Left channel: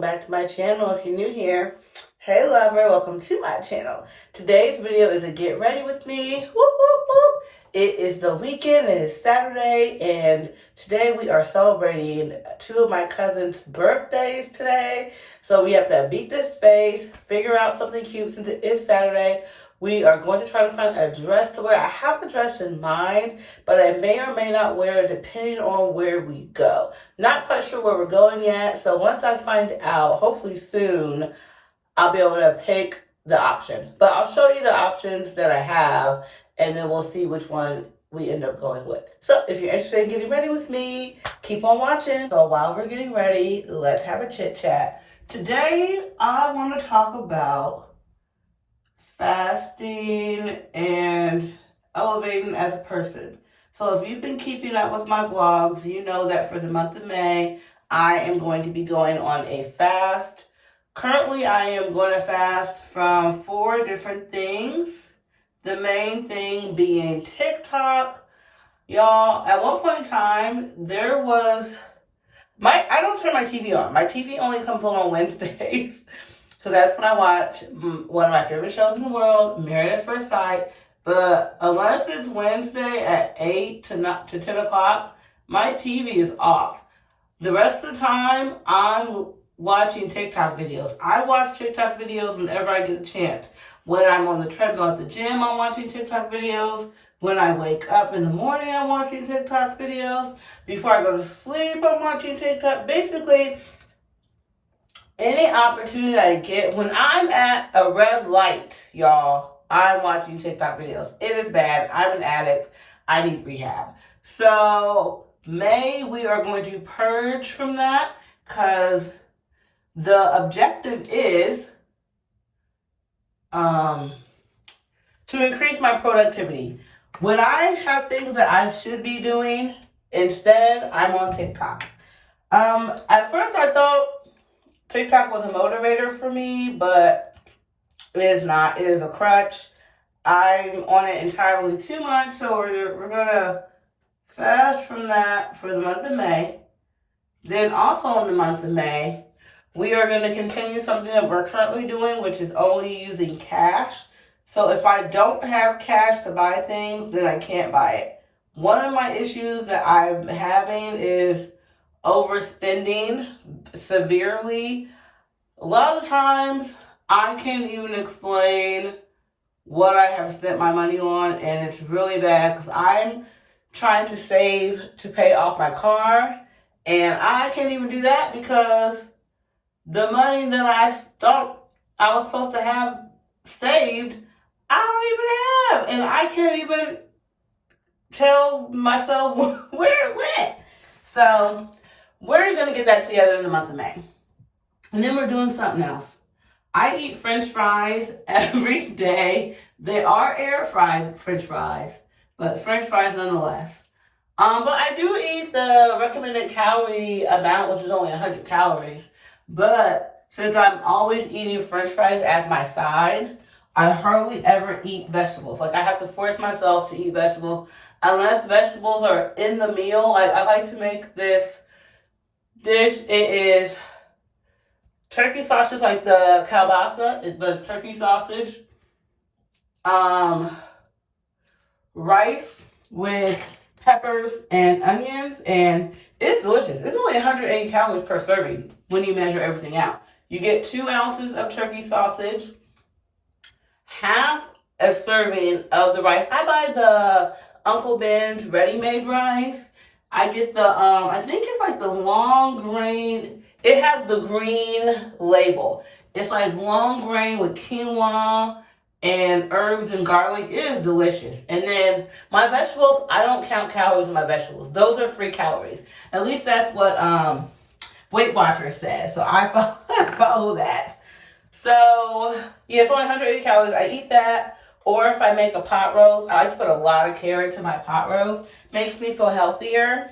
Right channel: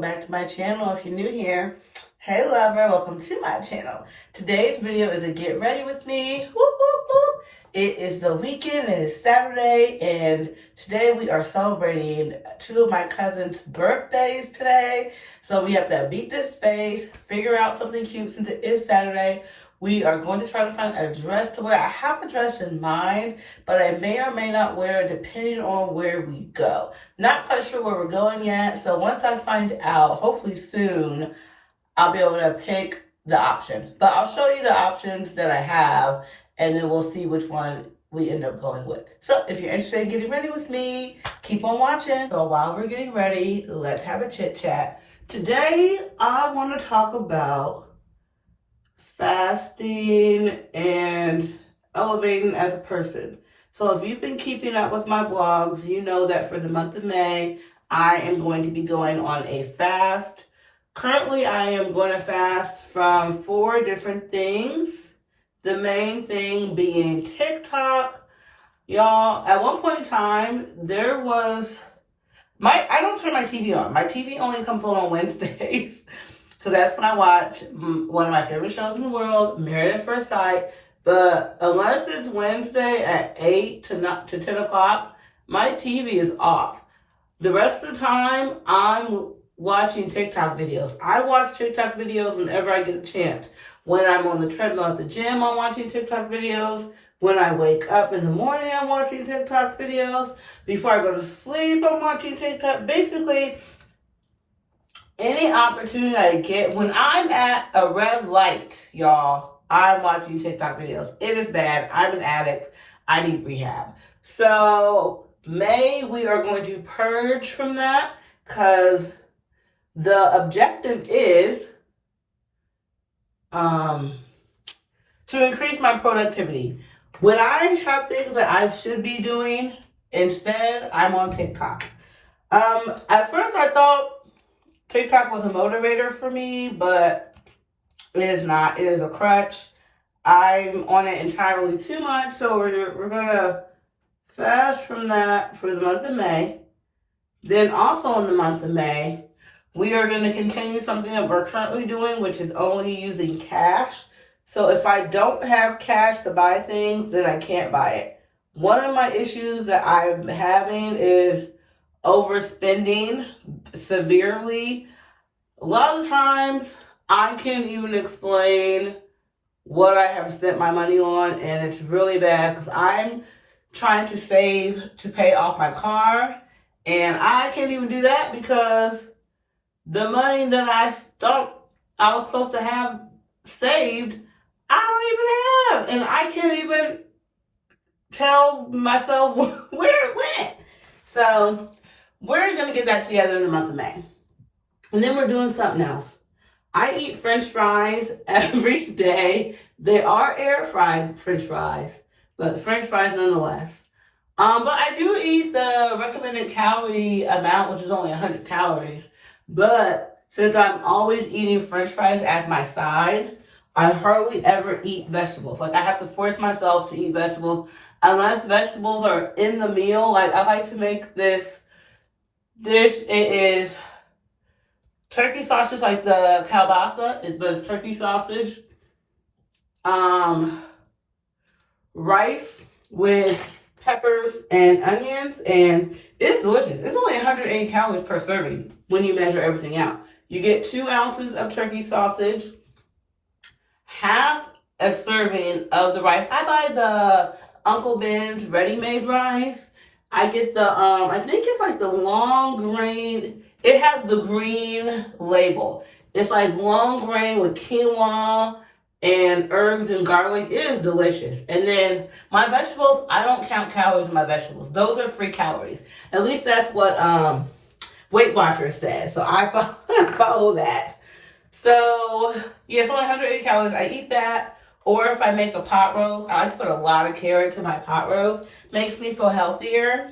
welcome back to my channel. If you're new here, hey lover, welcome to my channel. Today's video is a get ready with me. Whoop, whoop, whoop. It is the weekend, it is Saturday, and today we are celebrating two of my cousins' birthdays today. So we have to beat this phase, figure out something cute since it is Saturday. We are going to try to find a dress to wear. I have a dress in mind, but I may or may not wear it depending on where we go. Not quite sure where we're going yet, so once I find out, hopefully soon, I'll be able to pick the option. But I'll show you the options that I have, and then we'll see which one we end up going with. So if you're interested in getting ready with me, keep on watching. So while we're getting ready, let's have a chit chat. Today, I want to talk about fasting and elevating as a person. So if you've been keeping up with my vlogs, you know that for the month of May, I am going to be going on a fast. Currently, I am going to fast from 4 different things. The main thing being TikTok. Y'all, at one point in time, there was I don't turn my TV on. My TV only comes on Wednesdays. So that's when I watch one of my favorite shows in the world, Married at First Sight. But unless it's Wednesday at 8 to 10 o'clock, my TV is off. The rest of the time, I'm watching TikTok videos. I watch TikTok videos whenever I get a chance. When I'm on the treadmill at the gym, I'm watching TikTok videos. When I wake up in the morning, I'm watching TikTok videos. Before I go to sleep, I'm watching TikTok. Basically, any opportunity I get, when I'm at a red light, y'all, I'm watching TikTok videos. It is bad. I'm an addict. I need rehab. So, May, we are going to purge from that because the objective is to increase my productivity. When I have things that I should be doing, instead, I'm on TikTok. At first, I thought TikTok was a motivator for me, but it is not. It is a crutch. I'm on it entirely too much, so we're gonna fast from that for the month of May. Then also in the month of May, we are going to continue something that we're currently doing, which is only using cash. So if I don't have cash to buy things, then I can't buy it. One of my issues that I'm having is overspending severely. A lot of times I can't even explain what I have spent my money on, and it's really bad because I'm trying to save to pay off my car, and I can't even do that because the money that I thought I was supposed to have saved, I don't even have, and I can't even tell myself where it went. So we're going to get that together in the month of May. And then we're doing something else. I eat French fries every day. They are air fried French fries, but French fries nonetheless. But I do eat the recommended calorie amount, which is only 100 calories. But since I'm always eating French fries as my side, I hardly ever eat vegetables. Like, I have to force myself to eat vegetables unless vegetables are in the meal. Like, I like to make this dish. It is turkey sausage, like the kielbasa, but it's turkey sausage. Rice with peppers and onions, and it's delicious. It's only 180 calories per serving when you measure everything out. You get 2 ounces of turkey sausage, half a serving of the rice. I buy the Uncle Ben's ready-made rice. I get the, I think it's like the long grain. It has the green label. It's like long grain with quinoa and herbs and garlic. It is delicious. And then my vegetables, I don't count calories in my vegetables. Those are free calories. At least that's what Weight Watchers says. So I follow that. So yeah, it's only 180 calories. I eat that. Or if I make a pot roast, I like to put a lot of carrots in my pot roast. Makes me feel healthier.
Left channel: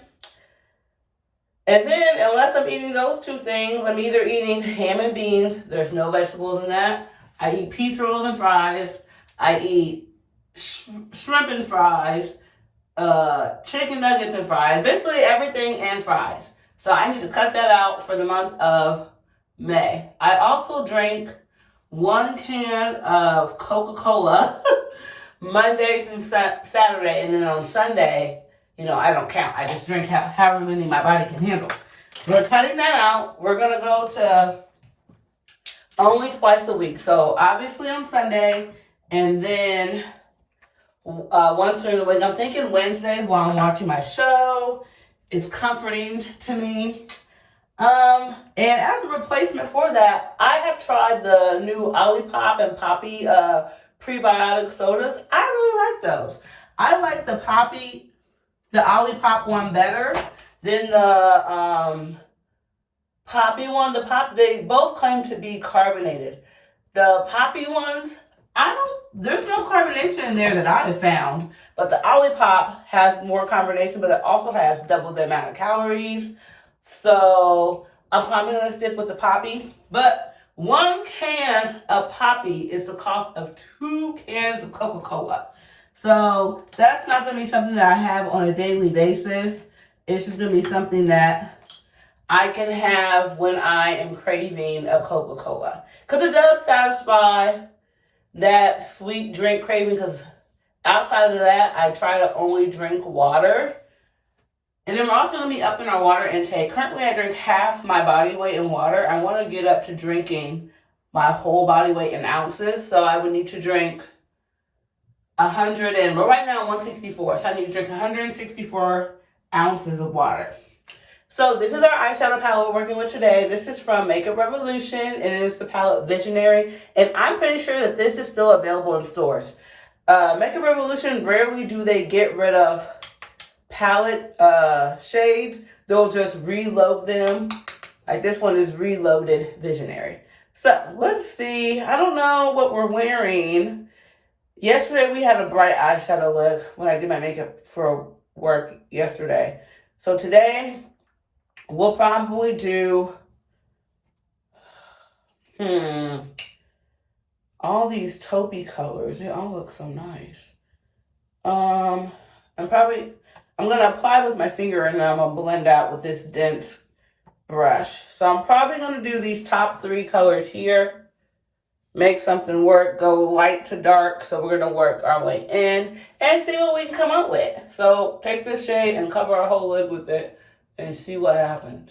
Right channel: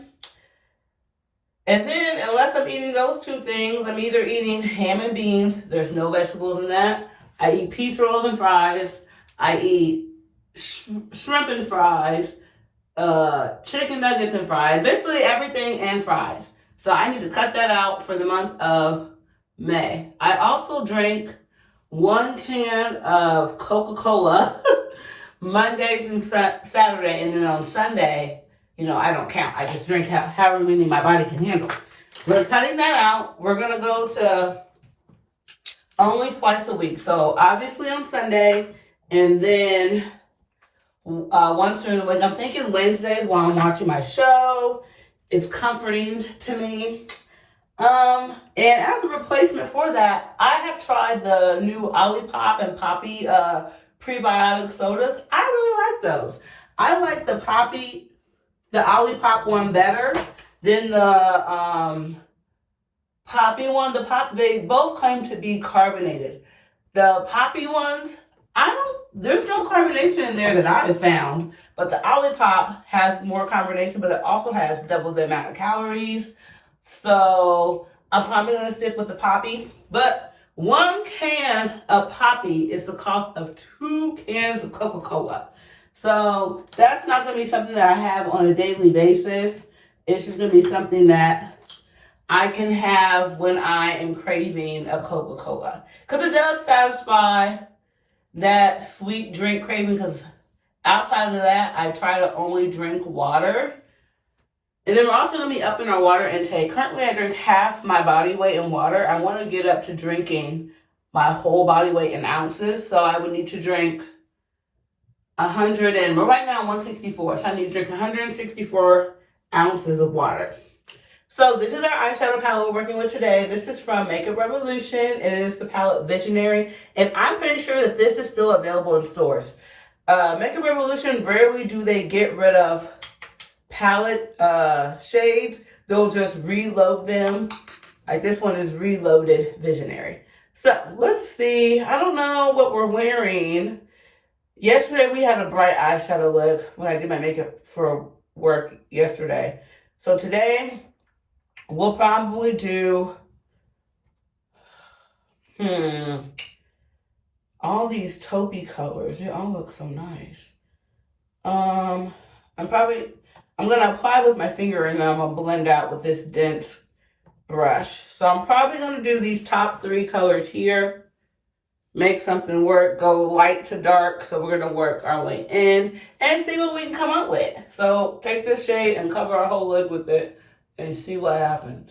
And then, unless I'm eating those 2 things, I'm either eating ham and beans. There's no vegetables in that. I eat pizza rolls and fries. I eat shrimp and fries, chicken nuggets and fries. Basically everything and fries. So I need to cut that out for the month of May. I also drank 1 can of Coca-Cola Monday through Saturday, and then on Sunday, I don't count. I just drink however many my body can handle. We're cutting that out. We're going to go to only twice a week. So obviously on Sunday, and then once during the week. I'm thinking Wednesdays while I'm watching my show. It's comforting to me. And as a replacement for that, I have tried the new Olipop and Poppy prebiotic sodas. I really like those. I like the Olipop one better than the Poppy one. They both claim to be carbonated. The Poppy ones, there's no carbonation in there that I have found, but the Olipop has more carbonation, but it also has double the amount of calories. So I'm probably going to stick with the Poppy, but 1 can of Poppy is the cost of 2 cans of Coca-Cola. So that's not going to be something that I have on a daily basis. It's just going to be something that I can have when I am craving a Coca-Cola. Because it does satisfy that sweet drink craving, because outside of that, I try to only drink water. And then we're also going to be upping our water intake. Currently, I drink half my body weight in water. I want to get up to drinking my whole body weight in ounces. So I would need to drink 100 and, but right now I'm 164. So I need to drink 164 ounces of water. So this is our eyeshadow palette we're working with today. This is from Makeup Revolution. It is the palette Visionary. And I'm pretty sure that this is still available in stores. Makeup Revolution, rarely do they get rid of palette shades. They'll just reload them. Like this one is Reloaded Visionary. So let's see. I don't know what we're wearing. Yesterday we had a bright eyeshadow look when I did my makeup for work yesterday. So today we'll probably do all these taupey colors. They all look so nice. I'm gonna apply with my finger and then I'm gonna blend out with this dense brush. So I'm probably gonna do these top 3 colors here. Make something work, go light to dark. So we're gonna work our way in and see what we can come up with. So take this shade and cover our whole lid with it and see what happens.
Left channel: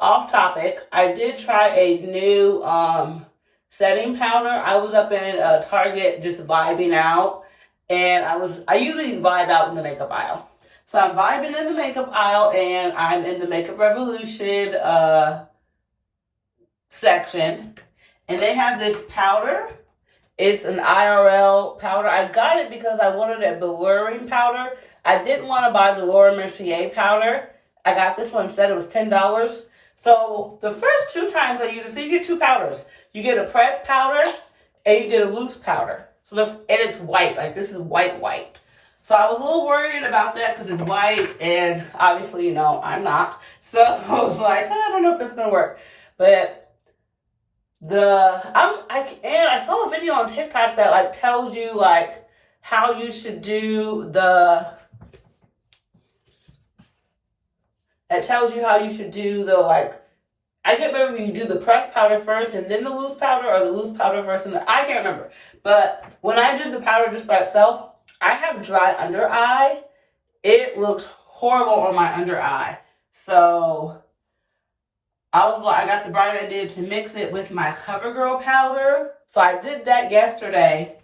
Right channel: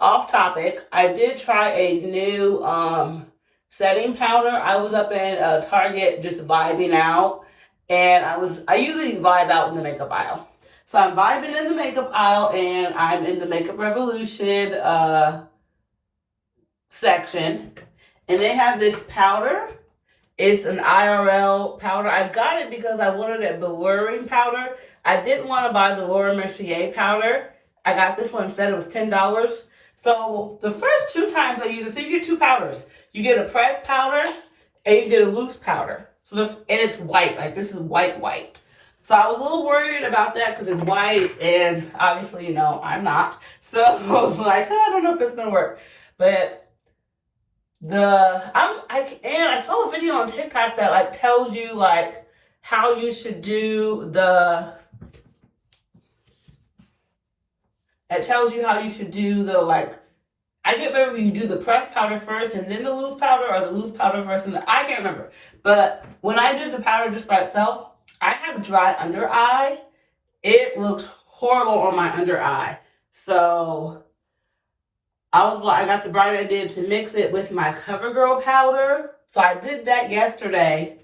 Off topic, I did try a new setting powder. I was up in Target just vibing out. And I usually vibe out in the makeup aisle. So I'm vibing in the makeup aisle and I'm in the Makeup Revolution section. And they have this powder. It's an IRL powder. I got it because I wanted a blurring powder. I didn't want to buy the Laura Mercier powder. I got this one instead. It was $10. So the first 2 times I used it, so you get 2 powders. You get a pressed powder and you get a loose powder. And it's white, like this is white. So I was a little worried about that because it's white and obviously, I'm not. So I was like, I don't know if it's going to work. But I saw a video on TikTok that like tells you like how you should do like, I can't remember if you do the pressed powder first and then the loose powder or the loose powder first and I can't remember. But when I did the powder just by itself, I have dry under eye. It looked horrible on my under eye. So I got the bright idea to mix it with my CoverGirl powder. So I did that yesterday.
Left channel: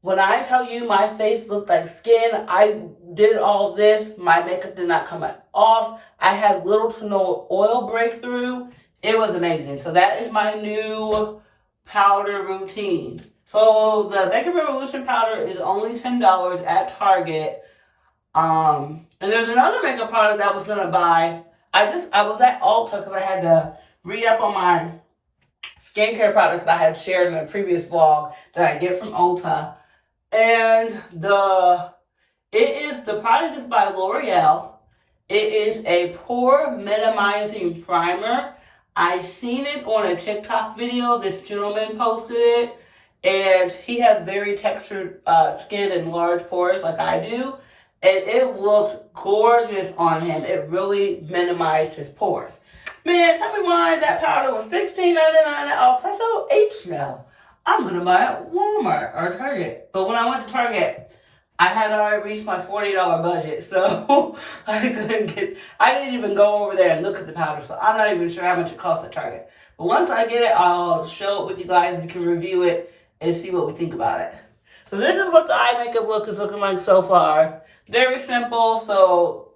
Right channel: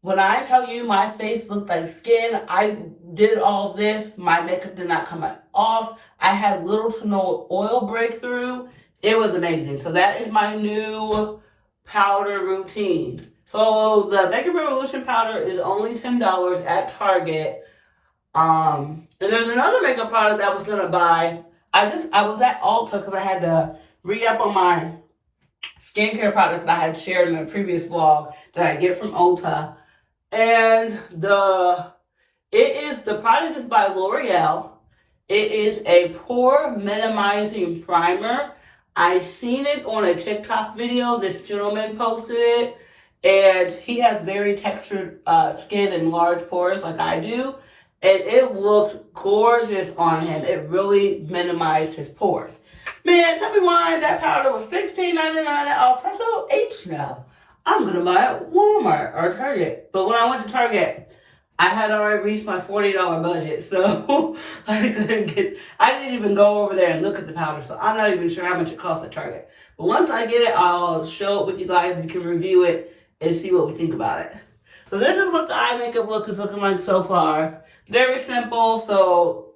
When I tell you my face looked like skin, I did all this. My makeup did not come off. I had little to no oil breakthrough. It was amazing. So that is my new powder routine. So the Makeup Revolution powder is only $10 at Target. And there's another makeup product I was gonna buy. I was at Ulta because I had to re-up on my skincare products that I had shared in a previous vlog that I get from Ulta. And the product is by L'Oreal. It is a pore minimizing primer. I seen it on a TikTok video. This gentleman posted it. And he has very textured skin and large pores like I do. And it looked gorgeous on him. It really minimized his pores. Man, tell me why that powder was $16.99 at Ulta. So H now. I'm gonna buy it at Walmart or Target. But when I went to Target, I had already reached my $40 budget, so I didn't even go over there and look at the powder, so I'm not even sure how much it costs at Target. But once I get it, I'll show it with you guys. We can review it and see what we think about it. So this is what the eye makeup look is looking like so far. Very simple, so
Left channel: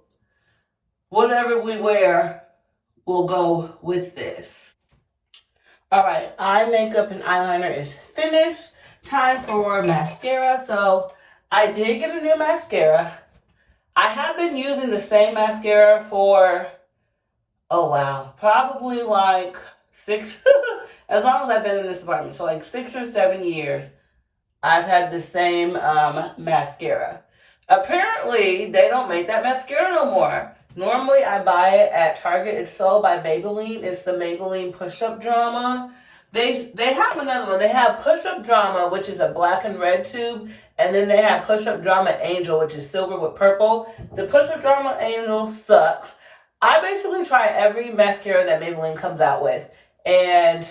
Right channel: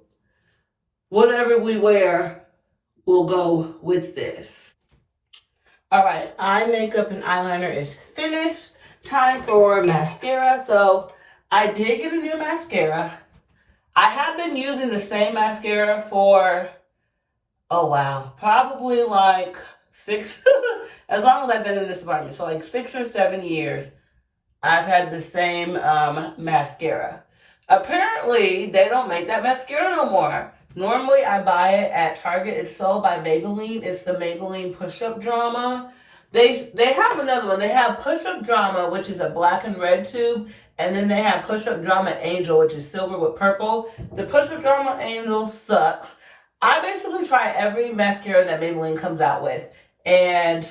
whatever we wear will go with this. Alright, eye makeup and eyeliner is finished. Time for mascara. So I did get a new mascara. I have been using the same mascara for, oh wow, probably like 6, as long as I've been in this apartment. So like 6 or 7 years, I've had the same mascara. Apparently, they don't make that mascara no more. Normally, I buy it at Target. It's sold by Maybelline. It's the Maybelline Push-Up Drama. They have another one. They have Push-Up Drama, which is a black and red tube. And then they have Push-Up Drama Angel, which is silver with purple. The Push-Up Drama Angel sucks. I basically try every mascara that Maybelline comes out with. And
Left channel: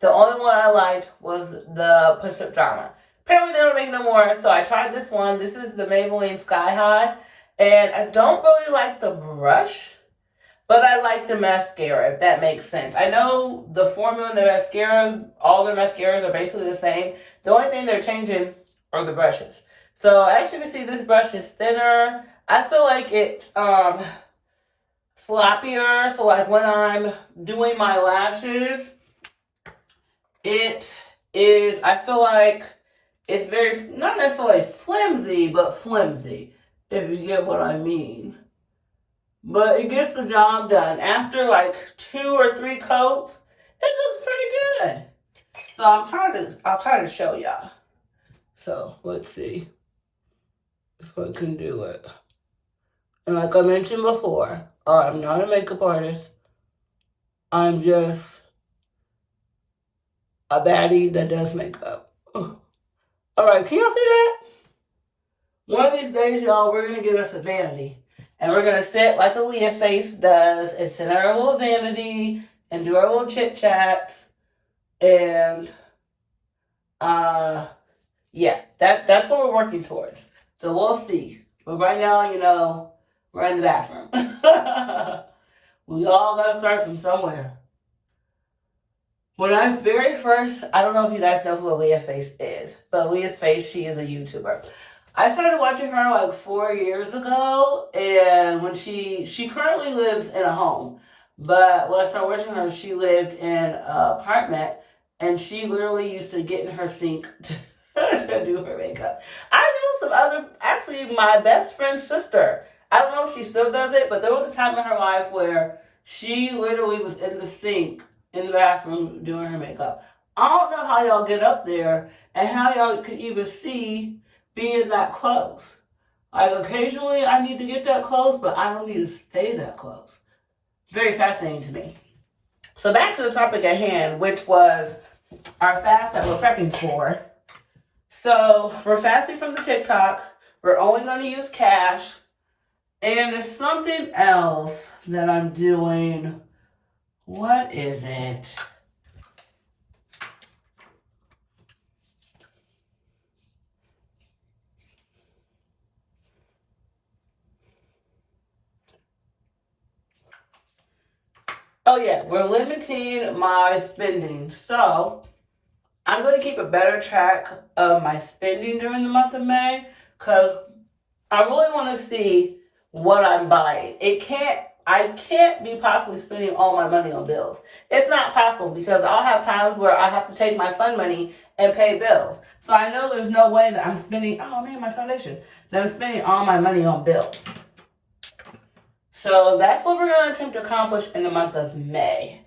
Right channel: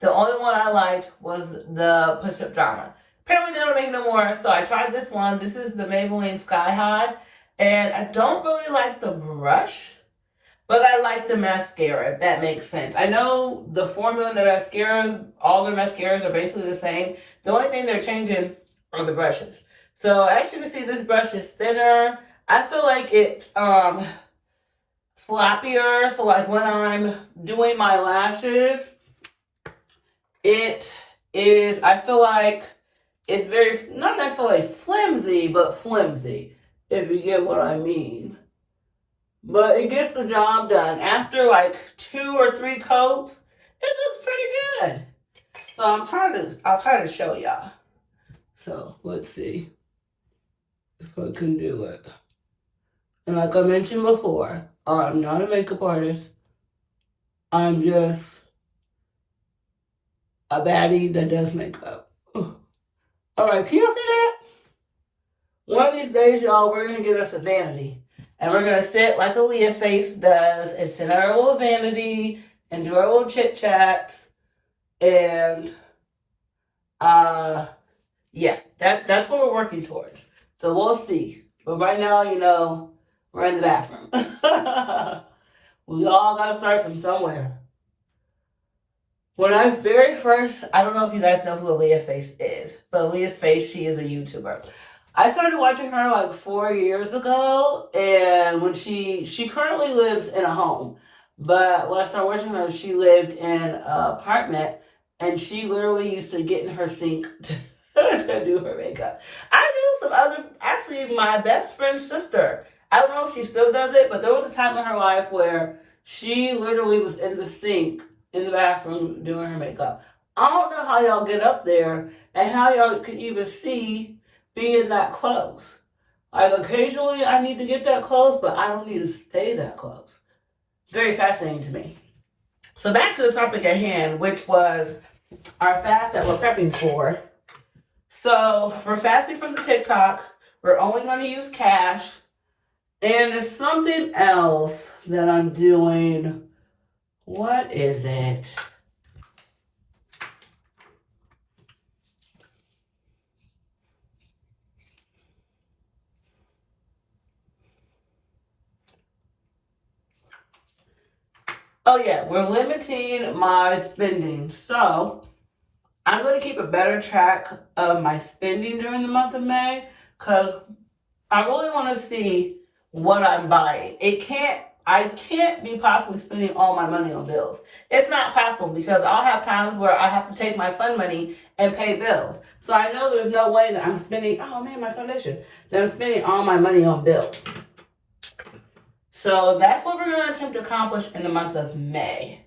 the only one I liked was the Push-Up Drama. Apparently they don't make no more, so I tried this one. This is the Maybelline Sky High. And I don't really like the brush, but I like the mascara, if that makes sense. I know the formula in the mascara, all their mascaras are basically the same. The only thing they're changing are the brushes. So as you can see, this brush is thinner. I feel like it's floppier. So like when I'm doing my lashes, it is, I feel like it's very, not necessarily flimsy, but flimsy, if you get what I mean. But it gets the job done. After like 2 or 3 coats, it looks pretty good. So I'll try to show y'all. So let's see if I can do it. And like I mentioned before, I'm not a makeup artist. I'm just a baddie that does makeup. Alright, can y'all see that? One of these days, y'all, we're going to get us a vanity. And we're going to sit like a Leah face does and sit in our little vanity and do our little chit chats. And, yeah, that's what we're working towards. So we'll see. But right now, you know, we're in the bathroom. We all got to start from somewhere. When I very first, I don't know if you guys know who Leah Face is, but Leah's Face, she is a YouTuber. I started watching her like 4 years ago, and when she currently lives in a home, but when I started watching her, she lived in an apartment, and she literally used to get in her sink to do her makeup. I knew some other, actually my best friend's sister, I don't know if she still does it, but there was a time in her life where she literally was in the sink in the bathroom doing her makeup. I don't know how y'all get up there and how y'all could even see being that close. Like occasionally I need to get that close, but I don't need to stay that close. Very fascinating to me. So back to the topic at hand, which was our fast that we're prepping for. So we're fasting from the TikTok. We're only going to use cash. And there's something else that I'm doing. What is it? Oh yeah, we're limiting my spending. So I'm going to keep a better track of my spending during the month of May because I really want to see what I'm buying. I can't be possibly spending all my money on bills. It's not possible because I'll have times where I have to take my fun money and pay bills. So I know there's no way that I'm spending, oh man, my foundation, that I'm spending all my money on bills. So that's what we're going to attempt to accomplish in the month of May.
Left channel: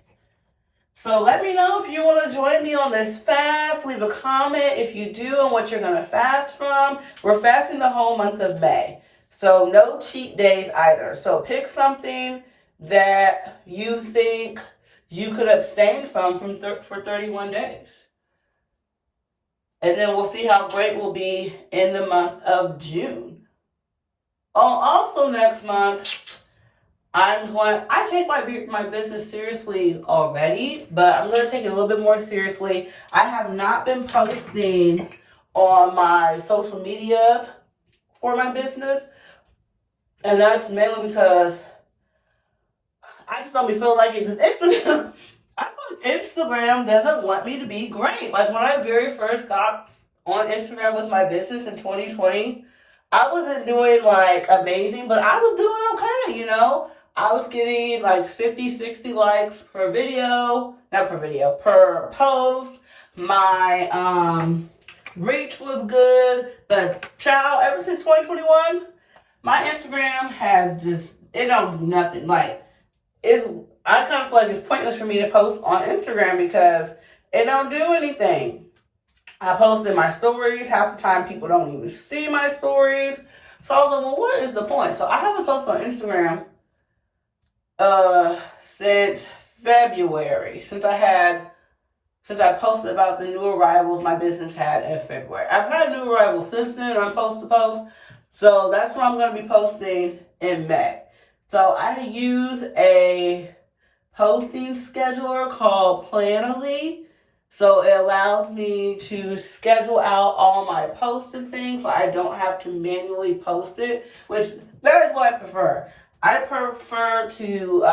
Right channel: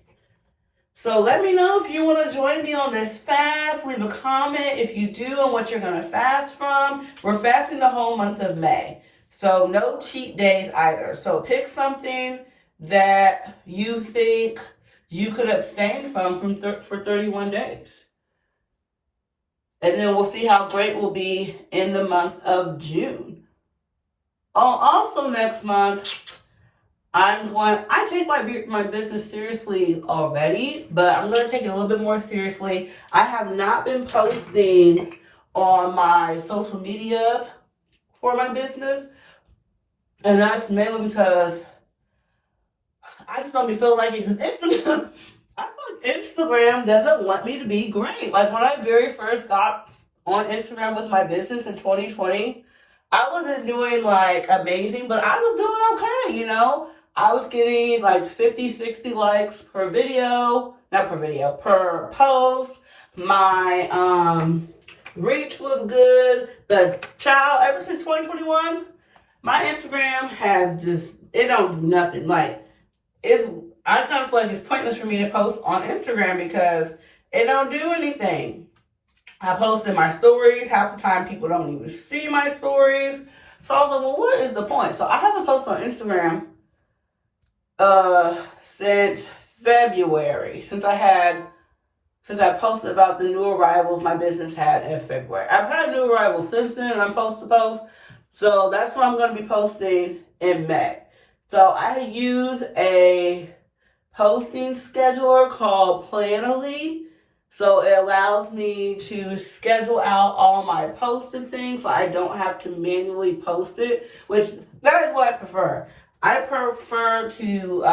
So let me know if you want to join me on this fast. Leave a comment if you do and what you're going to fast from. We're fasting the whole month of May. So no cheat days either. So pick something that you think you could abstain from for 31 days. And then we'll see how great we'll be in the month of June. Also next month, I take my business seriously already, but I'm going to take it a little bit more seriously. I have not been posting on my social media for my business, and that's mainly because I just don't be feeling like it. Because Instagram, I feel like Instagram doesn't want me to be great. Like when I very first got on Instagram with my business in 2020, I wasn't doing like amazing, but I was doing okay, you know? I was getting like 50, 60 likes per video, not per video, per post. My reach was good, but child, ever since 2021, my Instagram has just, it don't do nothing. Like, I kind of feel like it's pointless for me to post on Instagram because it don't do anything. I posted my stories. Half the time people don't even see my stories. So I was like, well, what is the point? So I haven't posted on Instagram since February. Since I posted about the new arrivals my business had in February. I've had new arrivals since then, and I'm supposed to post. So that's what I'm going to be posting in May. So I use a posting scheduler called Planoly. So it allows me to schedule out all my posts and things so I don't have to manually post it, which that is what I prefer. I prefer to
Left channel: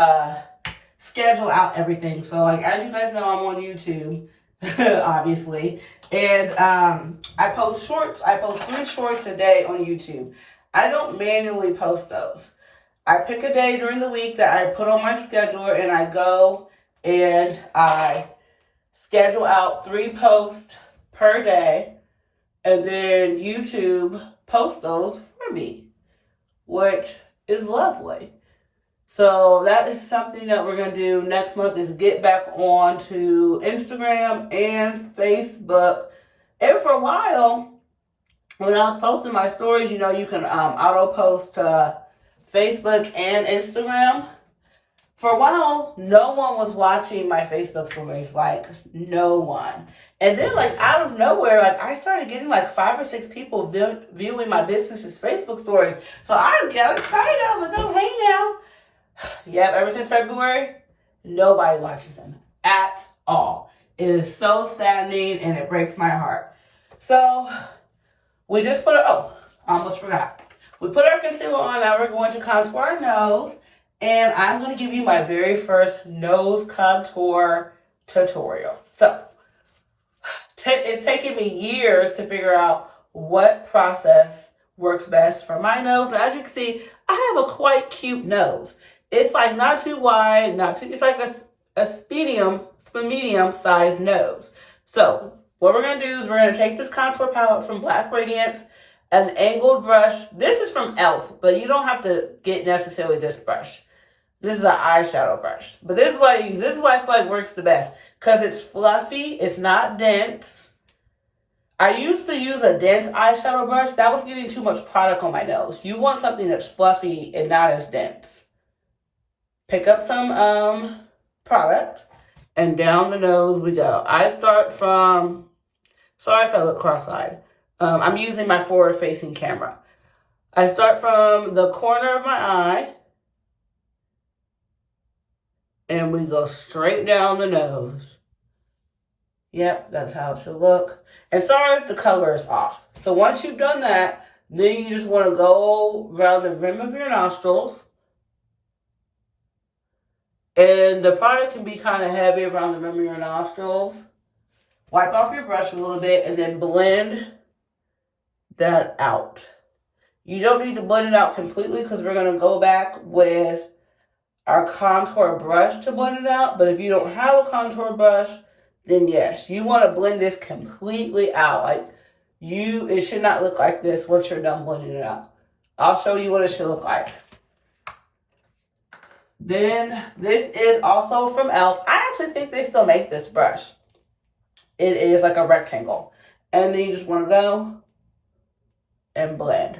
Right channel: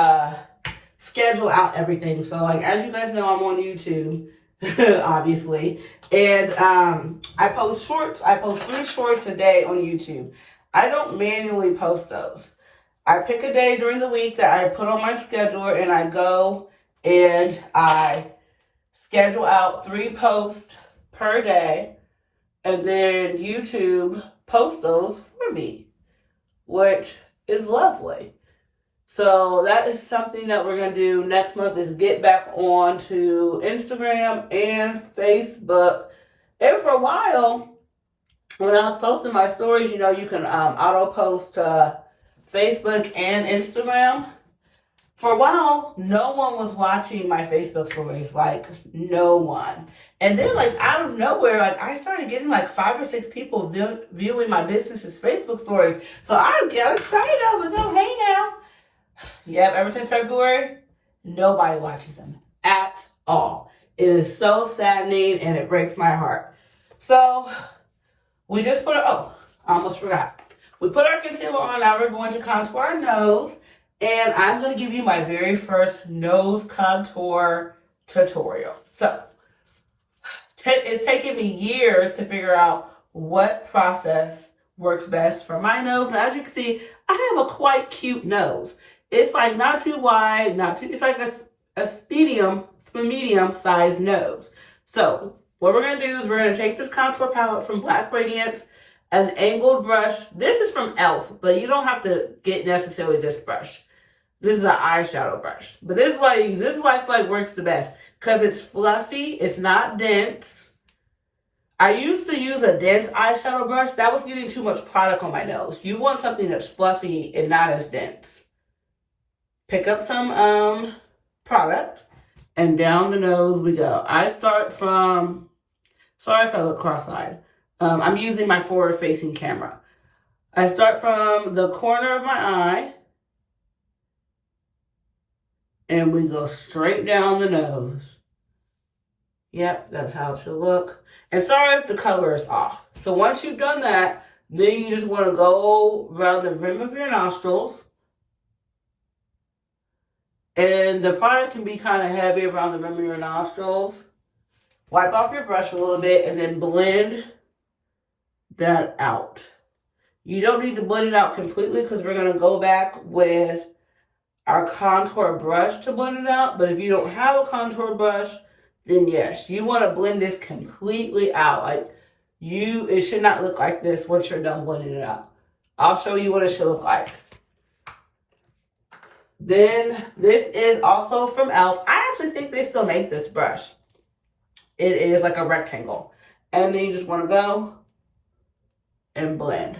schedule out everything. So like as you guys know, I'm on YouTube, obviously. And I post shorts. I post 3 shorts a day on YouTube. I don't manually post those. I pick a day during the week that I put on my scheduler and I go and I schedule out 3 posts per day, and then YouTube posts those for me, which is lovely. So that is something that we're going to do next month, is get back on to Instagram and Facebook. And for a while, when I was posting my stories, you know, you can auto post to Facebook and Instagram. For a while, no one was watching my Facebook stories, like no one. And then like out of nowhere, like I started getting like 5 or 6 people viewing my business's Facebook stories. So I got excited. I was like, oh, hey now. Yep, ever since February, nobody watches them at all. It is so saddening and it breaks my heart. So we just I almost forgot. We put our concealer on, now we're going to contour our nose. And I'm going to give you my very first nose contour tutorial. So, it's taken me years to figure out what process works best for my nose. And as you can see, I have a quite cute nose. It's like not too wide, it's like a medium sized nose. So, what we're going to do is we're going to take this contour palette from Black Radiance, an angled brush. This is from e.l.f., but you don't have to get necessarily this brush. This is an eyeshadow brush. But this is what I use. This is what I feel like works the best. Because it's fluffy. It's not dense. I used to use a dense eyeshadow brush. That was getting too much product on my nose. You want something that's fluffy and not as dense. Pick up some product. And down the nose we go. I start from... Sorry if I look cross-eyed. I'm using my forward-facing camera. I start from the corner of my eye. And we go straight down the nose. Yep, that's how it should look. And sorry if the color is off. So once you've done that, then you just want to go around the rim of your nostrils. And the product can be kind of heavy around the rim of your nostrils. Wipe off your brush a little bit and then blend that out. You don't need to blend it out completely because we're going to go back with our contour brush to blend it out. But if you don't have a contour brush, then yes, you want to blend this completely out. It should not look like this once you're done blending it out. I'll show you what it should look like. Then this is also from e.l.f. I actually think they still make this brush. It is like a rectangle. And then you just want to go and blend.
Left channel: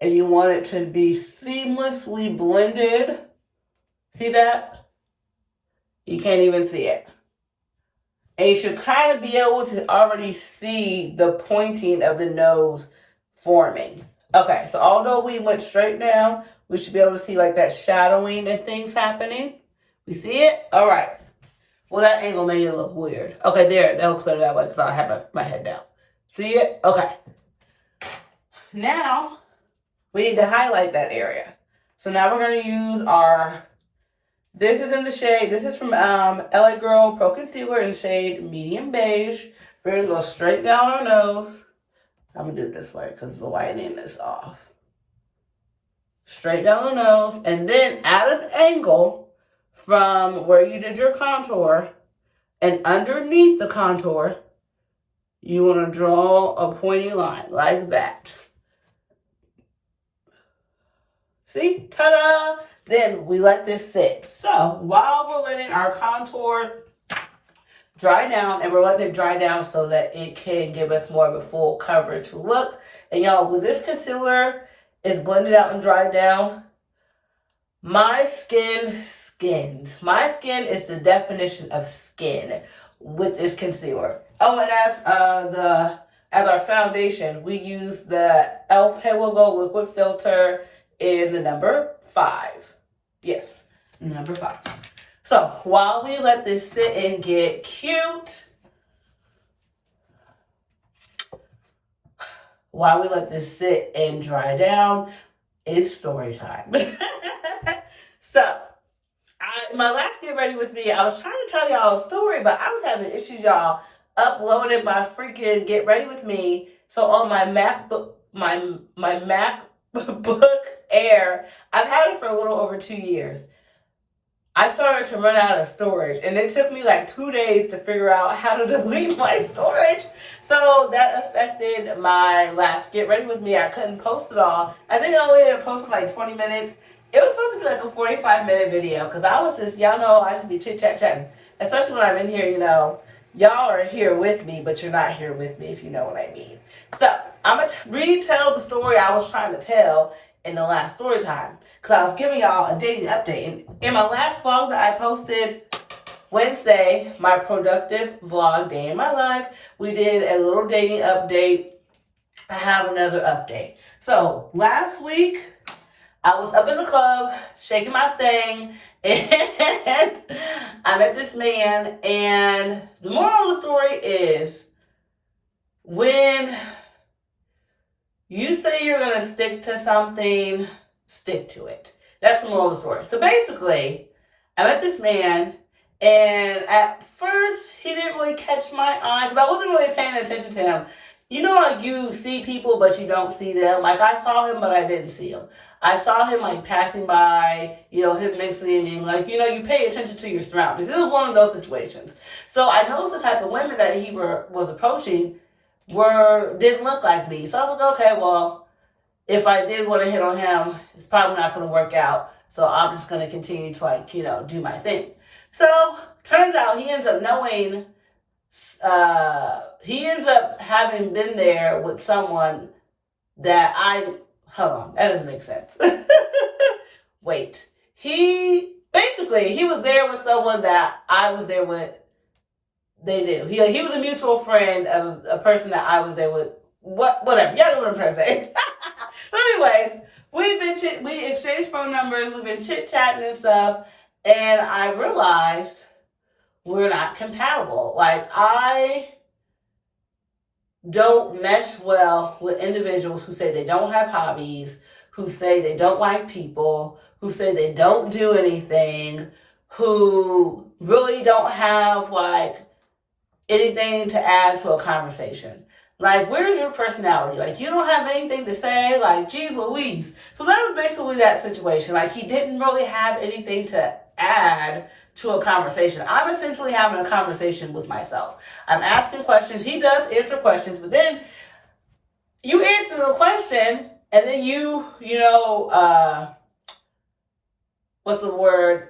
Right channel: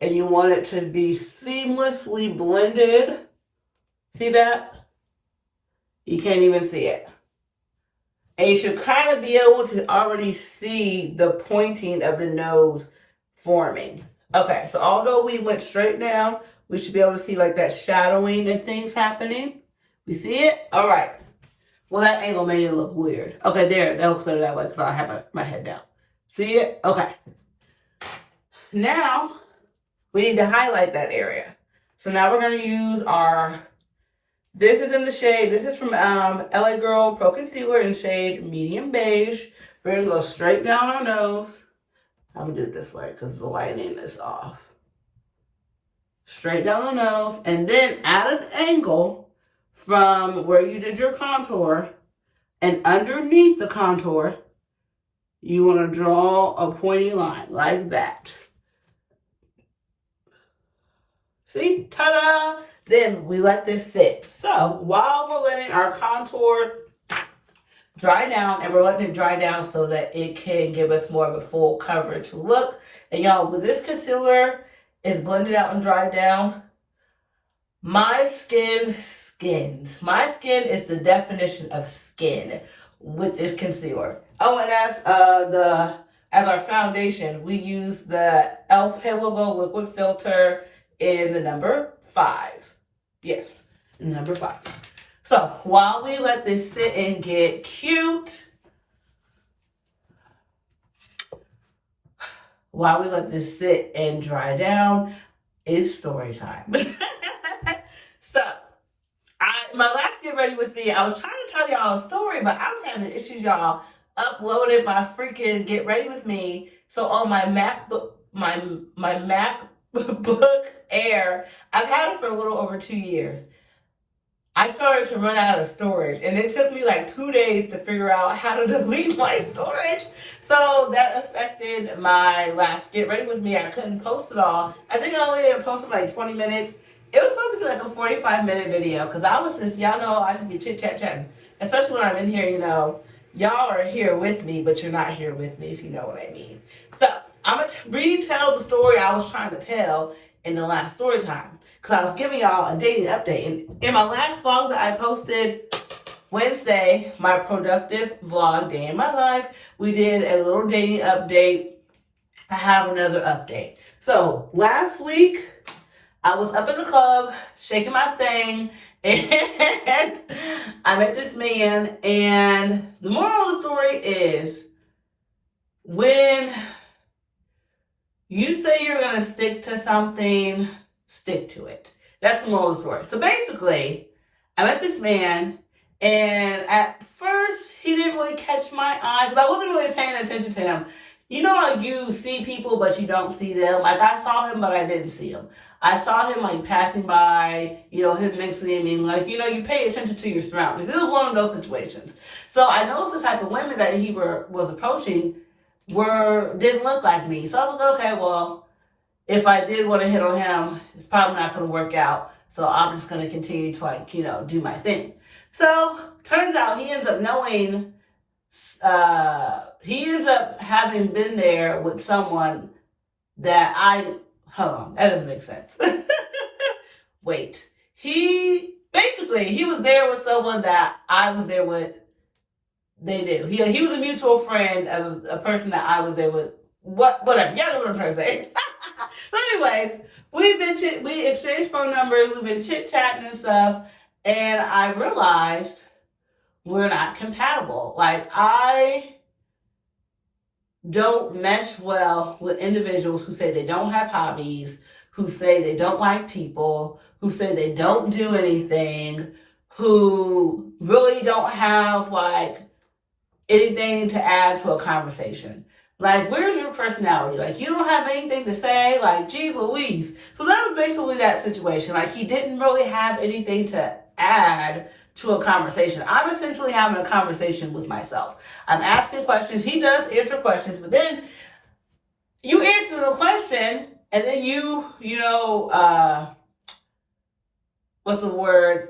And you want it to be seamlessly blended. See that? You can't even see it. And you should kind of be able to already see the pointing of the nose forming. Okay, so although we went straight down, we should be able to see like that shadowing and things happening. We see it? All right. Well, that angle made it look weird. Okay, there. That looks better that way because I have my head down. See it? Okay. Now, we need to highlight that area. So now we're going to use this is in the shade, this is from LA Girl Pro Concealer in shade Medium Beige. We're going to go straight down our nose. I'm going to do it this way because the lighting is off. Straight down the nose, and then at an angle from where you did your contour and underneath the contour, you want to draw a pointy line like that. See? Ta-da! Then we let this sit. So while we're letting our contour dry down, and we're letting it dry down so that it can give us more of a full coverage look. And y'all, when this concealer is blended out and dried down, my skin skins. My skin is the definition of skin with this concealer. Oh, and as our foundation, we use the e.l.f. Halo Glow Liquid Filter in the number 5. Yes, number 5. So while we let this sit and get cute, while we let this sit and dry down, it's story time. So, my last Get Ready With Me, I was trying to tell y'all a story, but I was having issues, y'all, uploading my freaking Get Ready With Me. So on my MacBook, my MacBook Air, I've had it for a little over 2 years. I started to run out of storage, and it took me like 2 days to figure out how to delete my storage. So that affected my last Get Ready With Me. I couldn't post it all. I think I only ended up posting like 20 minutes. It was supposed to be like a 45-minute video because I was just, y'all know, I just be chit-chat-chatting. Especially when I'm in here, you know, y'all are here with me, but you're not here with me, if you know what I mean. So I'm going to retell the story I was trying to tell in the last story time. Because I was giving y'all a daily update. And in my last vlog that I posted Wednesday, my productive vlog day in my life, we did a little dating update. I have another update. So last week, I was up in the club, shaking my thing, and I met this man. And the moral of the story is, when you say you're going to stick to something, stick to it. That's the moral of the story. So basically, I met this man, and at first, he didn't really catch my eye, because I wasn't really paying attention to him. You know how you see people, but you don't see them? Like, I saw him, but I didn't see him. I saw him, like, passing by, you know, him mentioning, like, you know, you pay attention to your surroundings. It was one of those situations. So I noticed the type of women that he was approaching didn't look like me. So I was like, okay, well, if I did want to hit on him, it's probably not going to work out. So I'm just going to continue to, like, you know, do my thing. So turns out he ends up knowing, he ends up having been there with someone that hold on, that doesn't make sense. Wait, he was there with someone that I was there with. They did. He was a mutual friend of a person that I was there with. Whatever. Y'all know what I'm trying to say. So anyways, we exchanged phone numbers. We've been chit-chatting and stuff. And I realized we're not compatible. Like, I don't mesh well with individuals who say they don't have hobbies, who say they don't like people, who say they don't do anything, who really don't have, like, anything to add to a conversation. Like, where's your personality? Like, you don't have anything to say? Like, geez Louise. So that was basically that situation. Like, he didn't really have anything to add to a conversation. I'm essentially having a conversation with myself. I'm asking questions. He does answer questions, but then you answer the question, and then what's the word?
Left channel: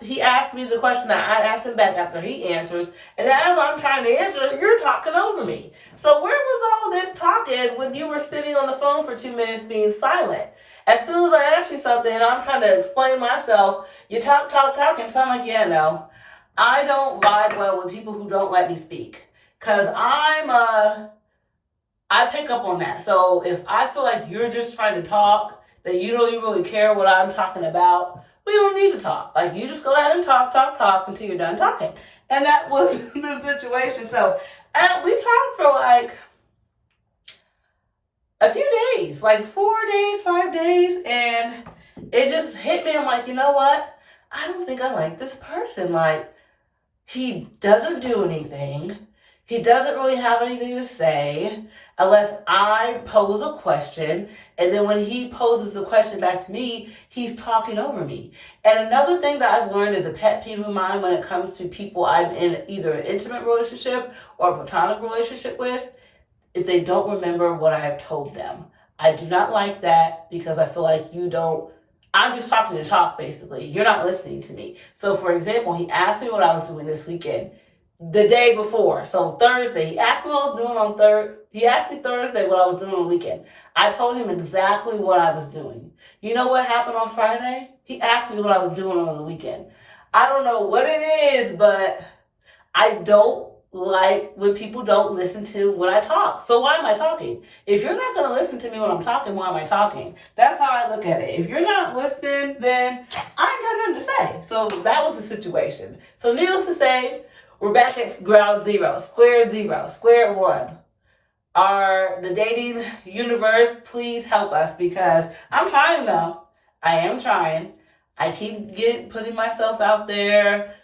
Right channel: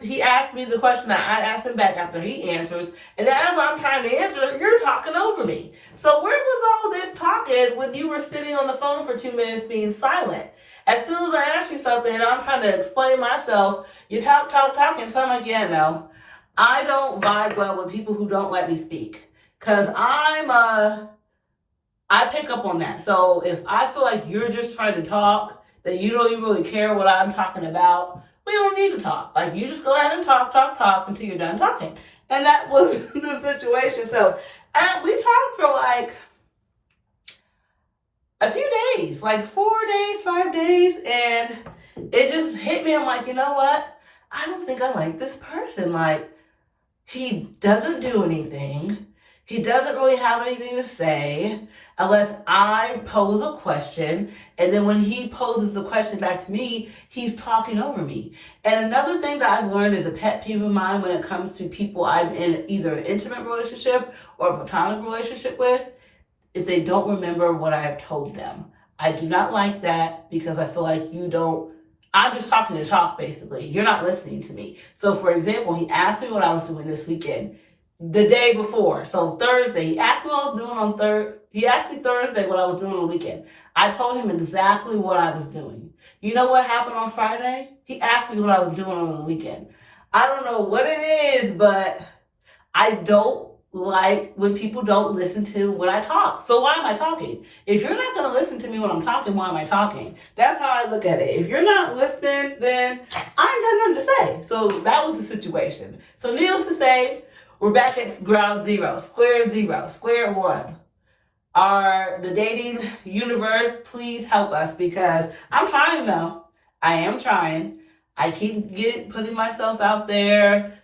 He asked me the question that I asked him back after he answers, and then as I'm trying to answer, you're talking over me. So where was all this talking when you were sitting on the phone for 2 minutes being silent? As soon as I ask you something and I'm trying to explain myself, you talking. So I'm like, yeah, no. I don't vibe well with people who don't let me speak. Because I'm I pick up on that. So if I feel like you're just trying to talk, that you don't even really care what I'm talking about, we don't need to talk. Like, you just go ahead and talk until you're done talking. And that was the situation. So we talked for like a few days, like 4 days, 5 days, and it just hit me. I'm like, you know what? I don't think I like this person. Like, he doesn't do anything. He doesn't really have anything to say unless I pose a question. And then when he poses the question back to me, he's talking over me. And another thing that I've learned is a pet peeve of mine when it comes to people I'm in either an intimate relationship or a platonic relationship with, is they don't remember what I have told them. I do not like that because I feel like I'm just talking to talk, basically. You're not listening to me. So, for example, he asked me what I was doing this weekend, the day before. So, Thursday, he asked me what I was doing He asked me Thursday what I was doing on the weekend. I told him exactly what I was doing. You know what happened on Friday? He asked me what I was doing on the weekend. I don't know what it is, but I don't like when people don't listen to when I talk. So why am I talking? If you're not going to listen to me when I'm talking, why am I talking? That's how I look at it. If you're not listening, then I ain't got nothing to say. So that was the situation. So needless to say, we're back at ground zero, square one. The dating universe, please help us, because I'm trying though. I am trying. I keep putting myself out there,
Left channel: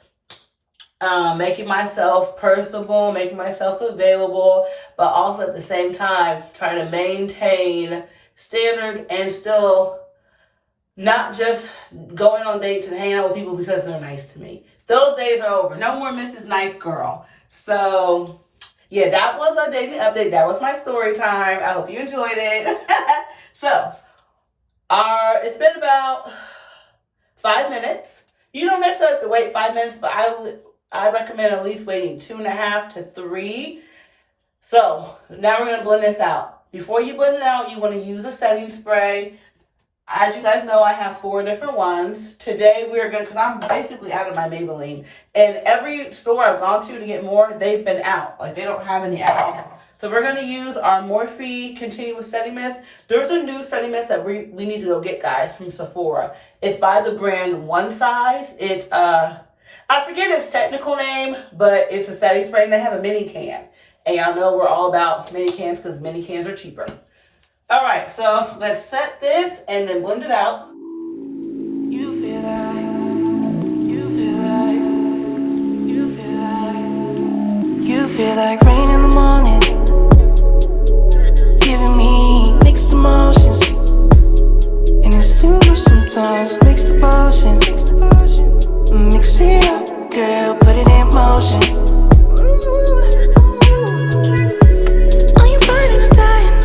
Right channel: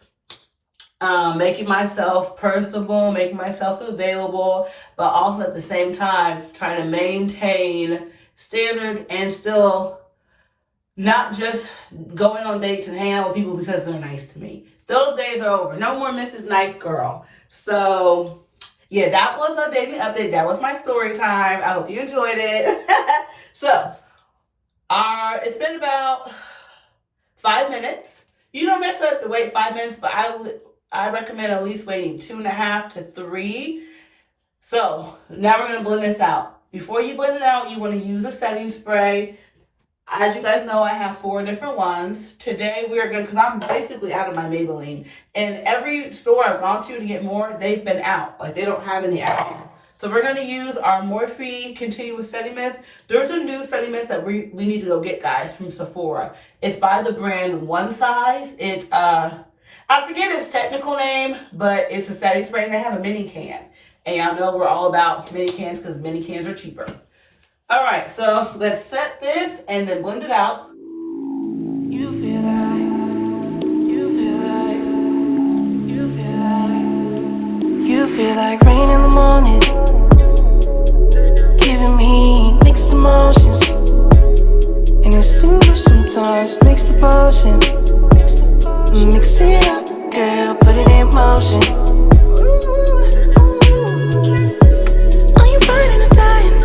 making myself personable, making myself available, but also at the same time trying to maintain standards and still not just going on dates and hanging out with people because they're nice to me. Those days are over. No more Mrs. Nice Girl. So, yeah, that was a dating update. That was my story time. I hope you enjoyed it. So, it's been about 5 minutes. You don't necessarily have to wait 5 minutes, but I recommend at least waiting 2.5 to 3. So now we're going to blend this out. Before you blend it out, you want to use a setting spray. As you guys know, I have 4 different ones. Today we are going to, because I'm basically out of my Maybelline. And every store I've gone to get more, they've been out. Like, they don't have any out. So we're going to use our Morphe Continuous Setting Mist. There's a new setting mist that we need to go get, guys, from Sephora. It's by the brand One Size. It's, I forget its technical name, but it's a setting spray. They have a mini can. And y'all know we're all about mini cans because mini cans are cheaper. All right, so let's set this and then blend it out. You feel like rain in the morning, giving me mixed emotions, and it's too much sometimes. Mix the potion, mix it up, girl, put it in motion. Are you burning or dying?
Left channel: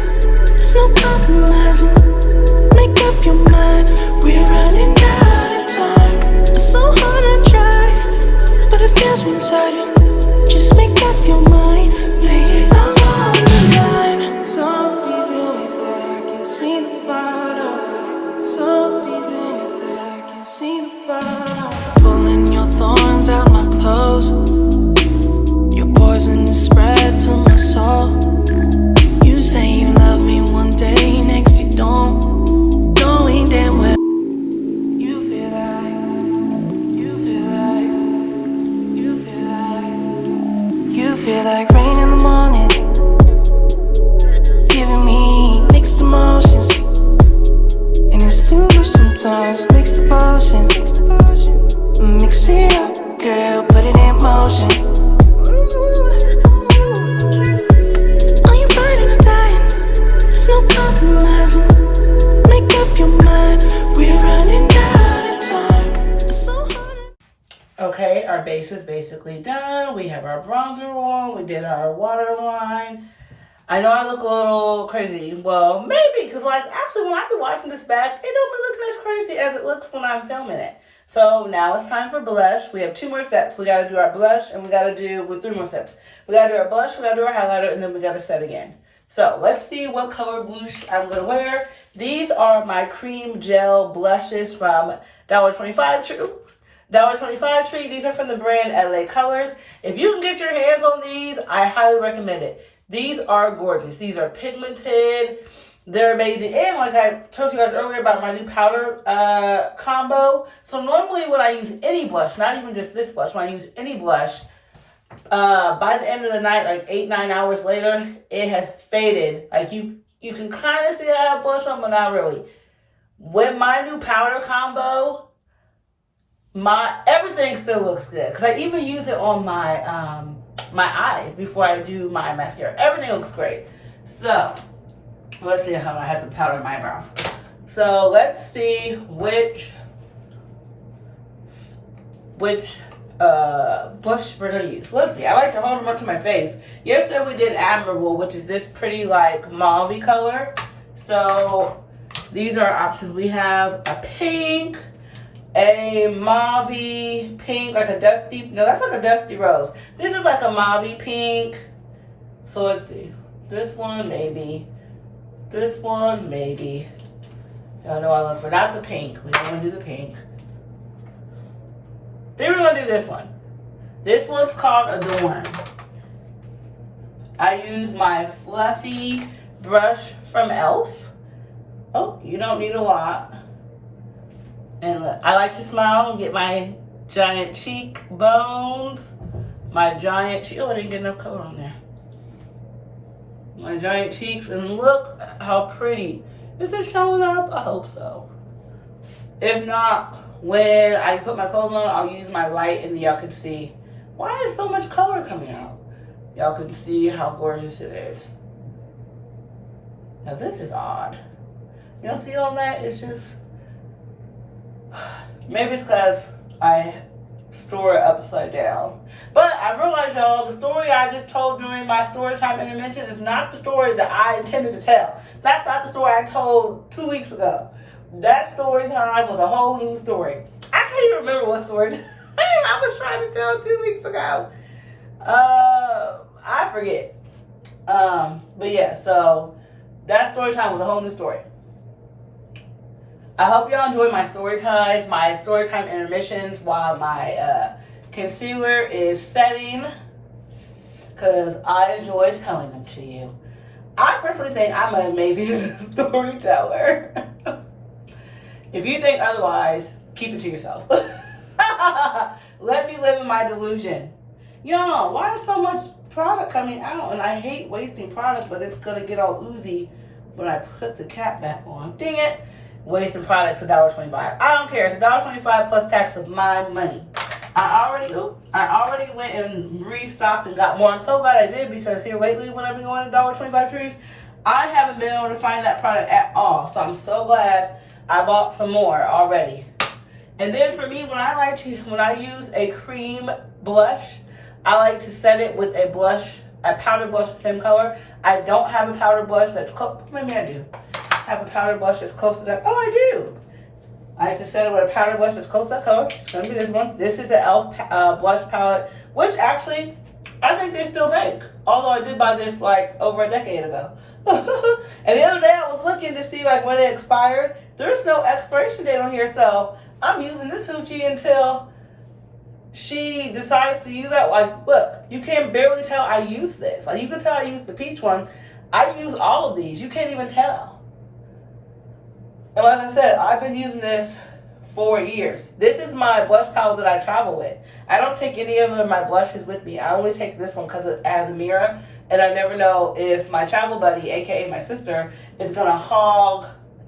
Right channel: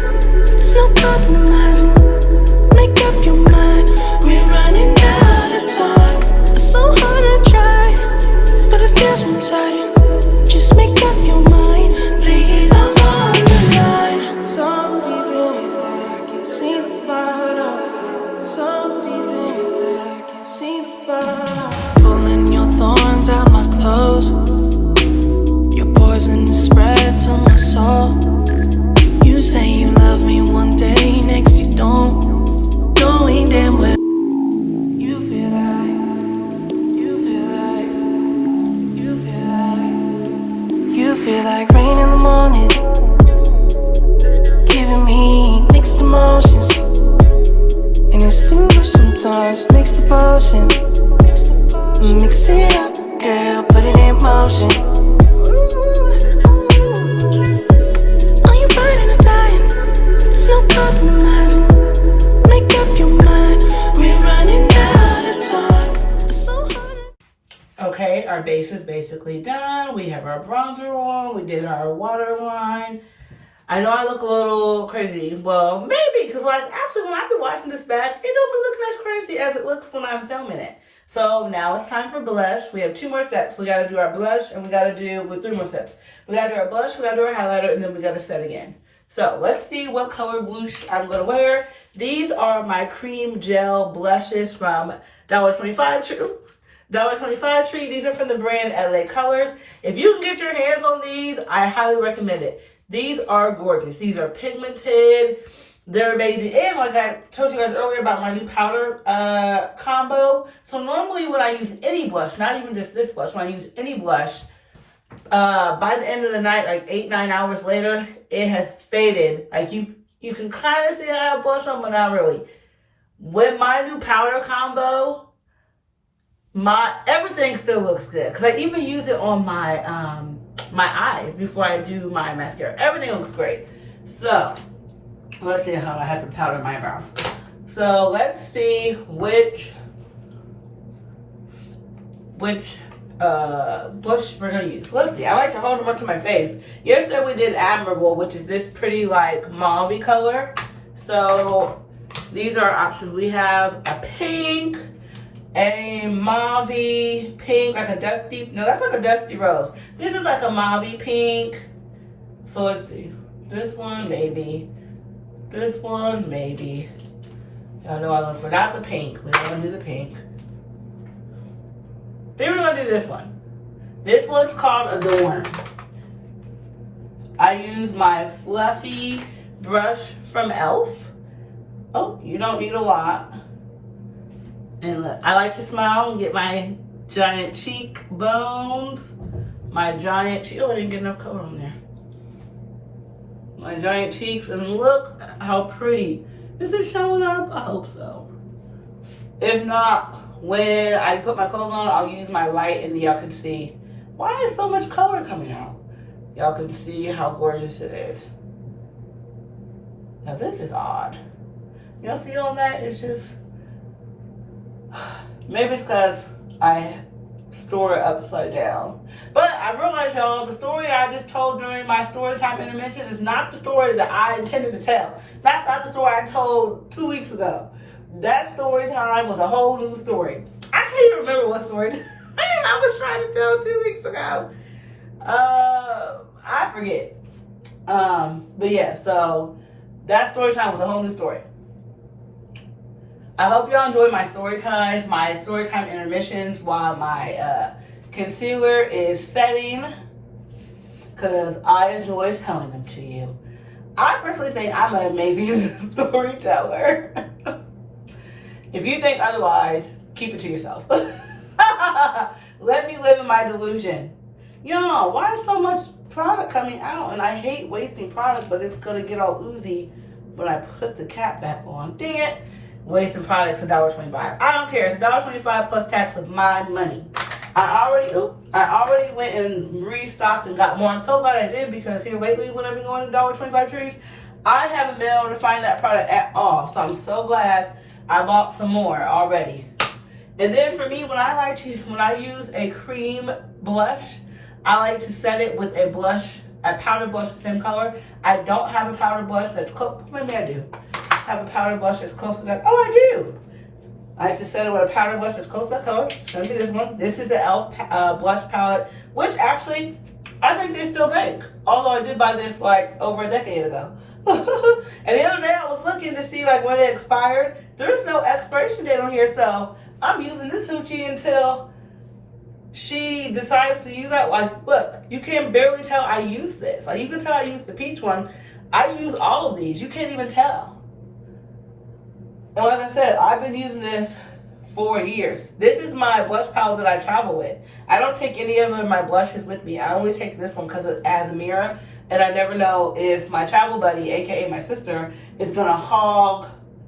There's no compromising. Make up your mind, we're running out of time. It's so hard to try, but it feels one-sided. Just make up your mind, lay it all on the line. So deep in it that I can see the bottom. So deep in it that I can see the bottom. Pulling your thorns out my clothes. Your poison is spread to my soul. You say you love me one day, next you don't. Knowing damn well you feel like rain in the morning, giving me mixed emotions, and it's too much sometimes. Mix the potion, mix it up, girl, put it in motion. Are you burning or dying? There's no compromising. Make up your mind, we're running out of time. It's so hard. Okay, our base is basically done. We have our bronzer on. We did our waterline. I know I look a little crazy. Well, maybe, because actually when I be watching this back, it don't be looking as crazy as it looks when I'm filming it. So now it's time for blush. We have 2 more steps. We got to do our blush, and we got to do, with 3 more steps. We got to do our blush, we got to do our highlighter, and then we got to set again. So let's see what color blush I'm going to wear. These are my cream gel blushes from $1.25 True. $1.25 Tree. These are from the brand LA Colors. If you can get your hands on these, I highly recommend it. These are gorgeous. These are pigmented. They're amazing. And like I told you guys earlier about my new powder combo. So normally when I use any blush, not even just this blush, when I use any blush, by the end of the night, like 8-9 hours later, it has faded. Like you can kind of see I have blush on, but not really. With my new powder combo, everything still looks good. Because I even use it on my eyes before I do my mascara. Everything looks great. So let's see how I have some powder in my eyebrows. So let's see which blush we're gonna use. Let's see. I like to hold them up to my face. Yesterday we did Admirable, which is this pretty like mauve color. So these are options. We have a pink, a mauve pink, like a dusty. No, that's like a dusty rose. This is like a mauve pink. So let's see. This one maybe. This one maybe. Y'all know I look for not the pink. We're gonna do the pink. Then we're gonna do this one. This one's called Adorn. I use my fluffy brush from e.l.f. Oh, you don't need a lot. And look, I like to smile and get my giant cheek bones. My giant cheek. Oh, I didn't get enough color on there. My giant cheeks, and look how pretty. Is it showing up? I hope so. If not, when I put my clothes on, I'll use my light and y'all can see. Why is so much color coming out? Y'all can see how gorgeous it is. Now this is odd. Y'all see all that? It's just, maybe it's because I store it upside down. But I realize, y'all, the story I just told during my storytime intermission is not the story that I intended to tell. That's not the story I told 2 weeks ago. That story time was a whole new story. I can't even remember what story I was trying to tell 2 weeks ago. I forget. But yeah, so that story time was a whole new story. I hope y'all enjoy my story times, my story time intermissions while my concealer is setting, because I enjoy telling them to you. I personally think I'm an amazing storyteller. If you think otherwise, keep it to yourself. Let me live in my delusion. Y'all, why is so much product coming out? And I hate wasting product, but it's going to get all oozy when I put the cap back on. Dang it. Wasting products $1.25. I don't care. It's $1.25 plus tax of my money. I already went and restocked and got more. I'm so glad I did, because here lately when I've been going to $1.25 trees, I haven't been able to find that product at all. So I'm so glad I bought some more already. And then for me, when I use a cream blush, I like to set it with a powder blush the same color. I don't have a powder blush that's close. Maybe I do. Have a powder blush that's close to that. Oh, I do. I like to set it with a powder blush that's close to that color. It's gonna be this one. This is the e.l.f. Blush palette, which actually I think they still make. Although I did buy this like over a decade ago. And the other day I was looking to see like when it expired. There's no expiration date on here, so I'm using this hoochie until she decides to use that. Like, look, you can barely tell I use this. Like, you can tell I use the peach one. I use all of these. You can't even tell. And like I said, I've been using this for years. This is my blush palette that I travel with. I don't take any of my blushes with me. I only take this one because it adds a mirror. And I never know if my travel buddy, aka my sister, is going to hog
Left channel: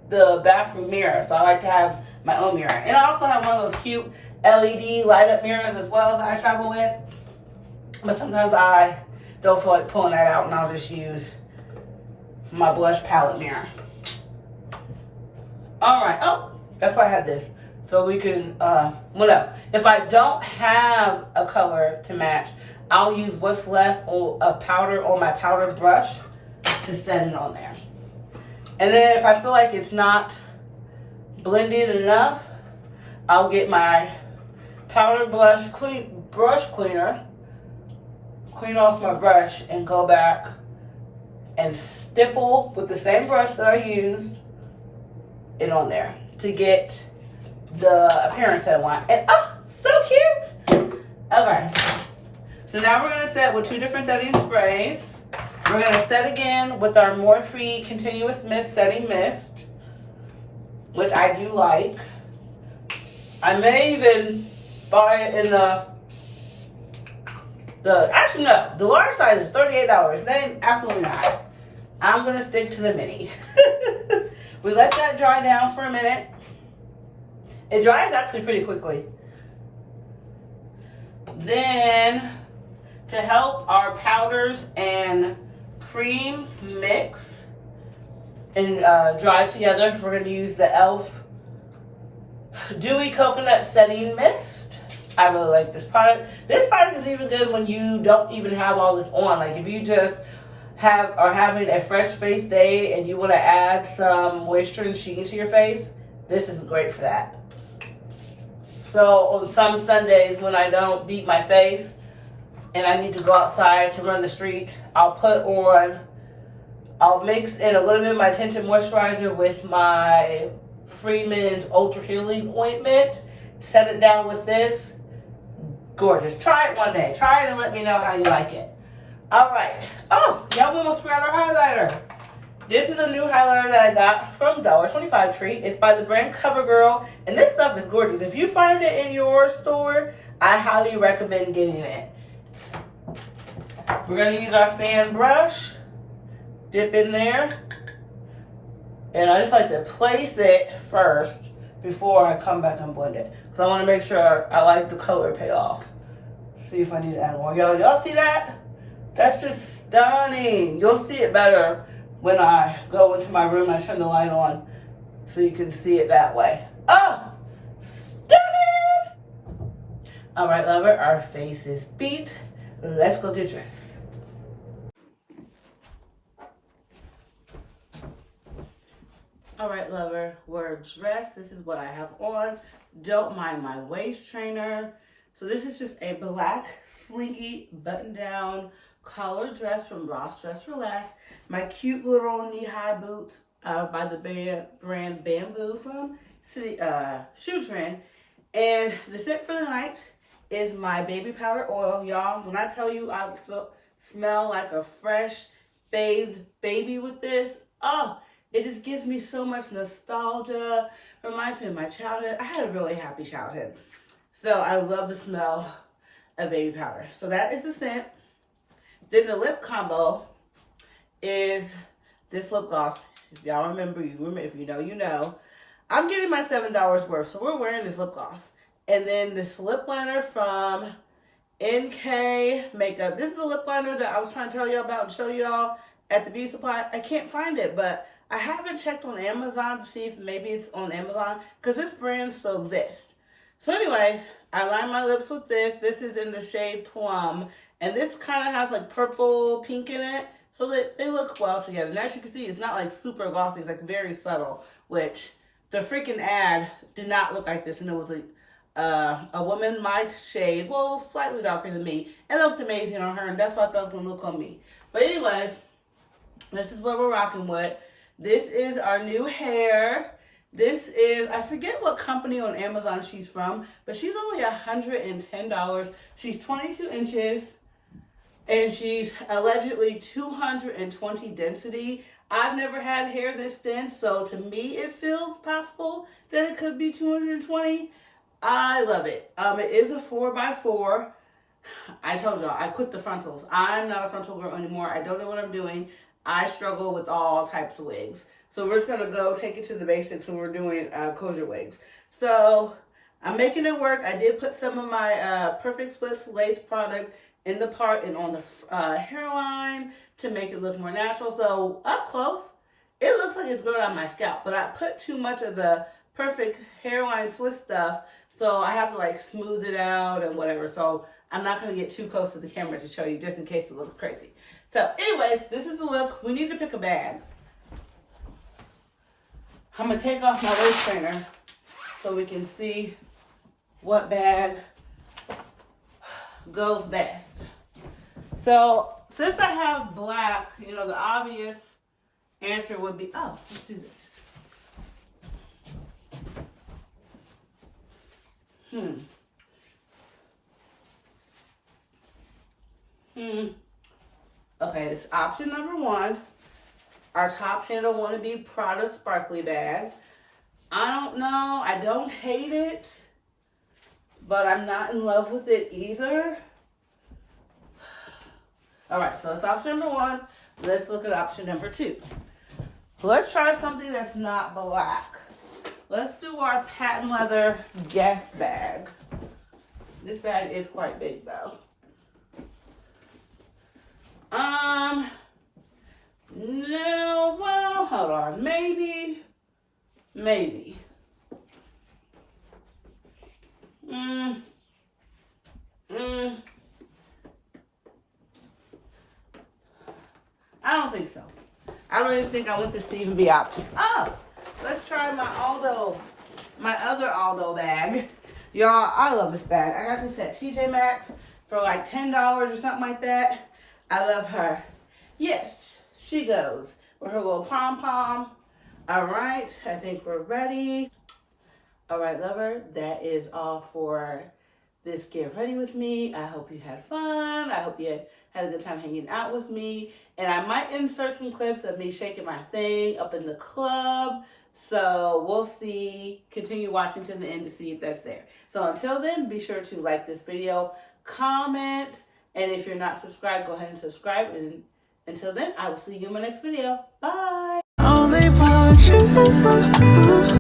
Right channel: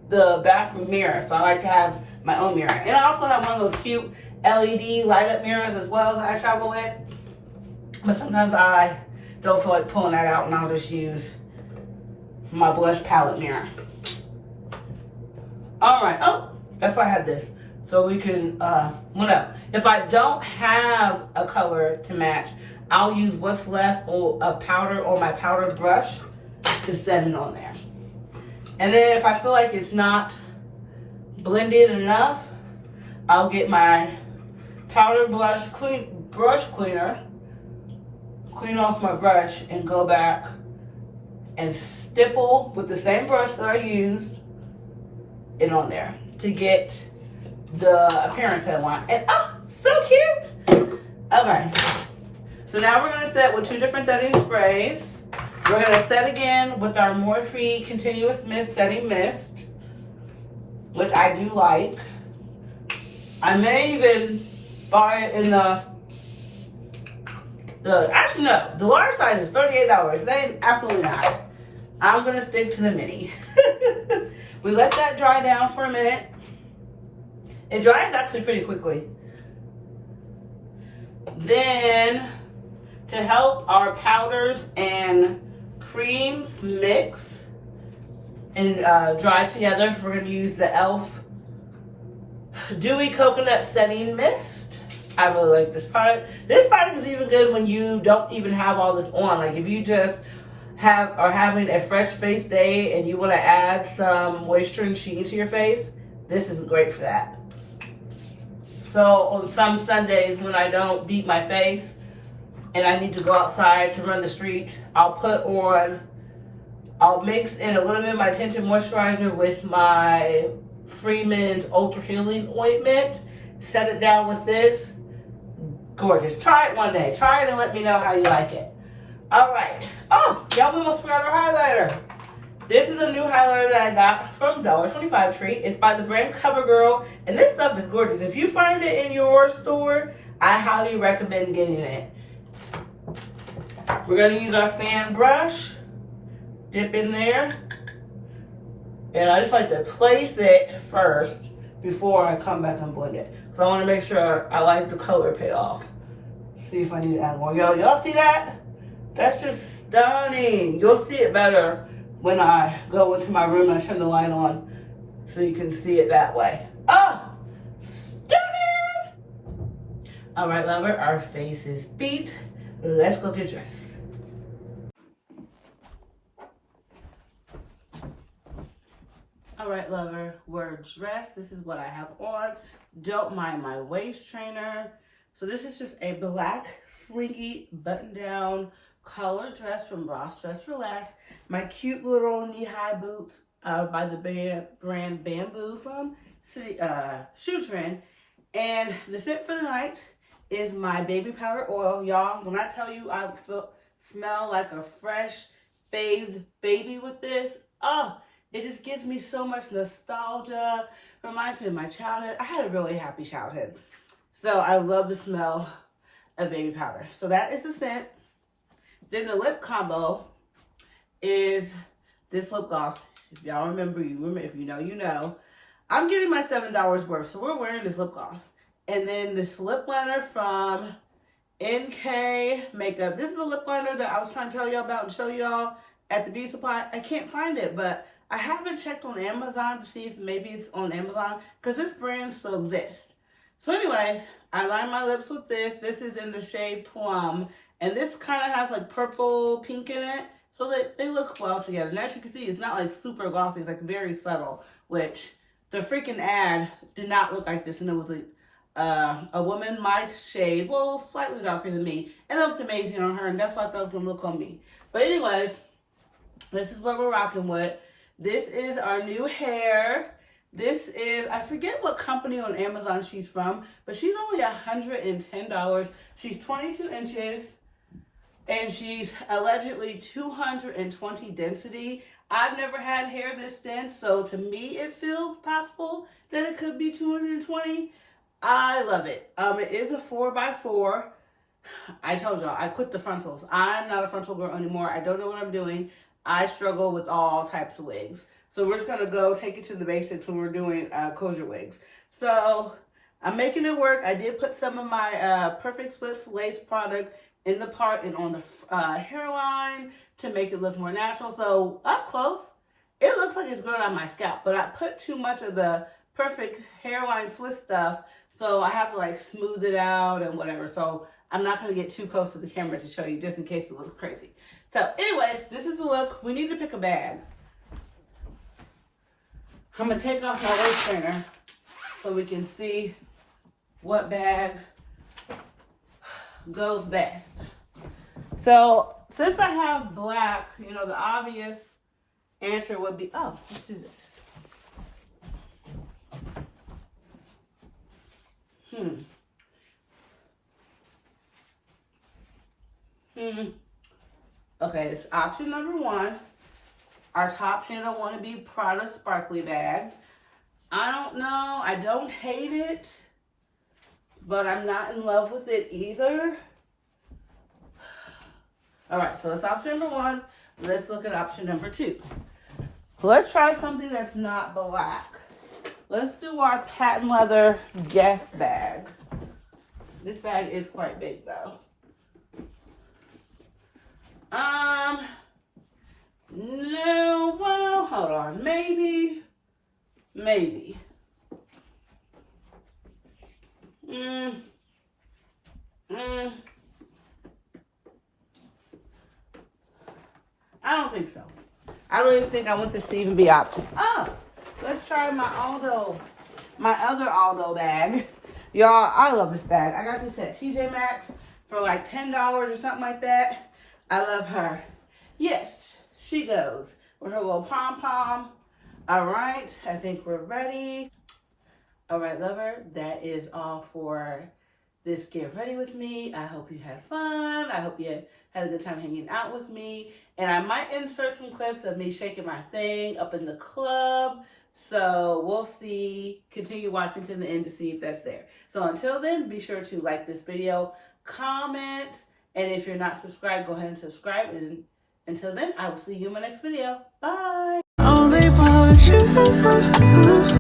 the bathroom mirror. So I like to have my own mirror. And I also have one of those cute LED light up mirrors as well that I travel with. But sometimes I don't feel like pulling that out, and I'll just use my blush palette mirror. Alright, oh, that's why I have this. So we can, if I don't have a color to match, I'll use what's left of powder on my powder brush to set it on there. And then if I feel like it's not blended enough, I'll get my powder brush cleaner, clean off my brush, and go back and stipple with the same brush that I used it on there to get the appearance that I want. And oh, so cute. Okay, so now we're gonna set with two different setting sprays. We're going to set again with our Morphe Continuous Mist Setting Mist, which I do like. I may even buy it in actually no, the large size is $38. They absolutely not. I'm going to stick to the mini. We let that dry down for a minute. It dries actually pretty quickly. Then, to help our powders and creams mix and dry together, we're going to use the e.l.f. Dewy Coconut Setting Mist. I really like this product. This product is even good when you don't even have all this on. Like if you just are having a fresh face day and you want to add some moisture and sheen to your face, this is great for that. So on some Sundays when I don't beat my face and I need to go outside to run the street, I'll mix in a little bit of my tinted moisturizer with my Freeman's Ultra Healing Ointment, set it down with this. Gorgeous. Try it one day. Try it and let me know how you like it. All right. Oh, y'all almost forgot our highlighter. This is a new highlighter that I got from $1.25 Treat. It's by the brand CoverGirl, and this stuff is gorgeous. If you find it in your store, I highly recommend getting it. We're going to use our fan brush, dip in there, and I just like to place it first before I come back and blend it. Because I want to make sure I like the color payoff. See if I need to add more. Y'all see that? That's just stunning. You'll see it better when I go into my room and I turn the light on so you can see it that way. Oh, stunning! All right, lover, our face is beat. Let's go get dressed. All right, lover, we're dressed. This is what I have on. Don't mind my waist trainer. So this is just a black, slinky, button-down color dress from Ross Dress for Less. My cute little knee-high boots by the brand Bamboo from Shoe Trend. And the scent for the night is my baby powder oil. Y'all, when I tell you I smell like a fresh bathed baby with this, oh, it just gives me so much nostalgia. Reminds me of my childhood. I had a really happy childhood. So I love the smell of baby powder. So that is the scent. Then the lip combo is this lip gloss. If y'all remember, you remember. If you know, you know. I'm getting my $7 worth. So we're wearing this lip gloss. And then this lip liner from NK Makeup. This is the lip liner that I was trying to tell y'all about and show y'all at the beauty supply. I can't find it, but I haven't checked on Amazon to see if maybe it's on Amazon because this brand still exists. So anyways, I line my lips with this. This is in the shade Plum. And this kind of has like purple pink in it. So that they look well together. And as you can see, it's not like super glossy. It's like very subtle. Which the freaking ad did not look like this. And it was like a woman my shade. Well, slightly darker than me. And it looked amazing on her. And that's what I thought it was going to look on me. But anyways, this is what we're rocking with. This is our new hair. This is, I forget what company on Amazon she's from, but she's only $110. She's 22 inches, and she's allegedly 220 density. I've never had hair this dense, so to me it feels possible that it could be 220. I love it. It is a 4x4. I told y'all, I quit the frontals. I'm not a frontal girl anymore. I don't know what I'm doing. I struggle with all types of wigs. So we're just going to go take it to the basics when we're doing closure wigs. So I'm making it work. I did put some of my Perfect Splits lace product in the part and on the hairline to make it look more natural. So up close, it looks like it's growing on my scalp. But I put too much of the Perfect hairline Swiss stuff. So I have to like smooth it out and whatever. So I'm not going to get too close to the camera to show you just in case it looks crazy. So anyways, this is the look. We need to pick a bag. I'm going to take off my lace trainer so we can see what bag goes best. So since I have black, you know, the obvious answer would be, oh, let's do this. Okay, it's option number 1. Our top handle want to be Prada sparkly bag. I don't know. I don't hate it, but I'm not in love with it either. All right, so that's option number 1. Let's look at option number 2. Let's try something that's not black. Let's do our patent leather Guess bag. This bag is quite big though. No, well, hold on. Maybe. I don't think so. I don't even think I want this to even be option. Oh, let's try my other Aldo bag. Y'all, I love this bag. I got this at TJ Maxx for like $10 or something like that. I love her. Yes, she goes with her little pom-pom. All right, I think we're ready. All right, lover, that is all for this Get Ready With Me. I hope you had fun. I hope you had a good time hanging out with me. And I might insert some clips of me shaking my thing up in the club. So we'll see. Continue watching to the end to see if that's there. So until then, be sure to like this video, comment, and if you're not subscribed, go ahead and subscribe. And until then, I will see you in my next video. Bye. Only want you.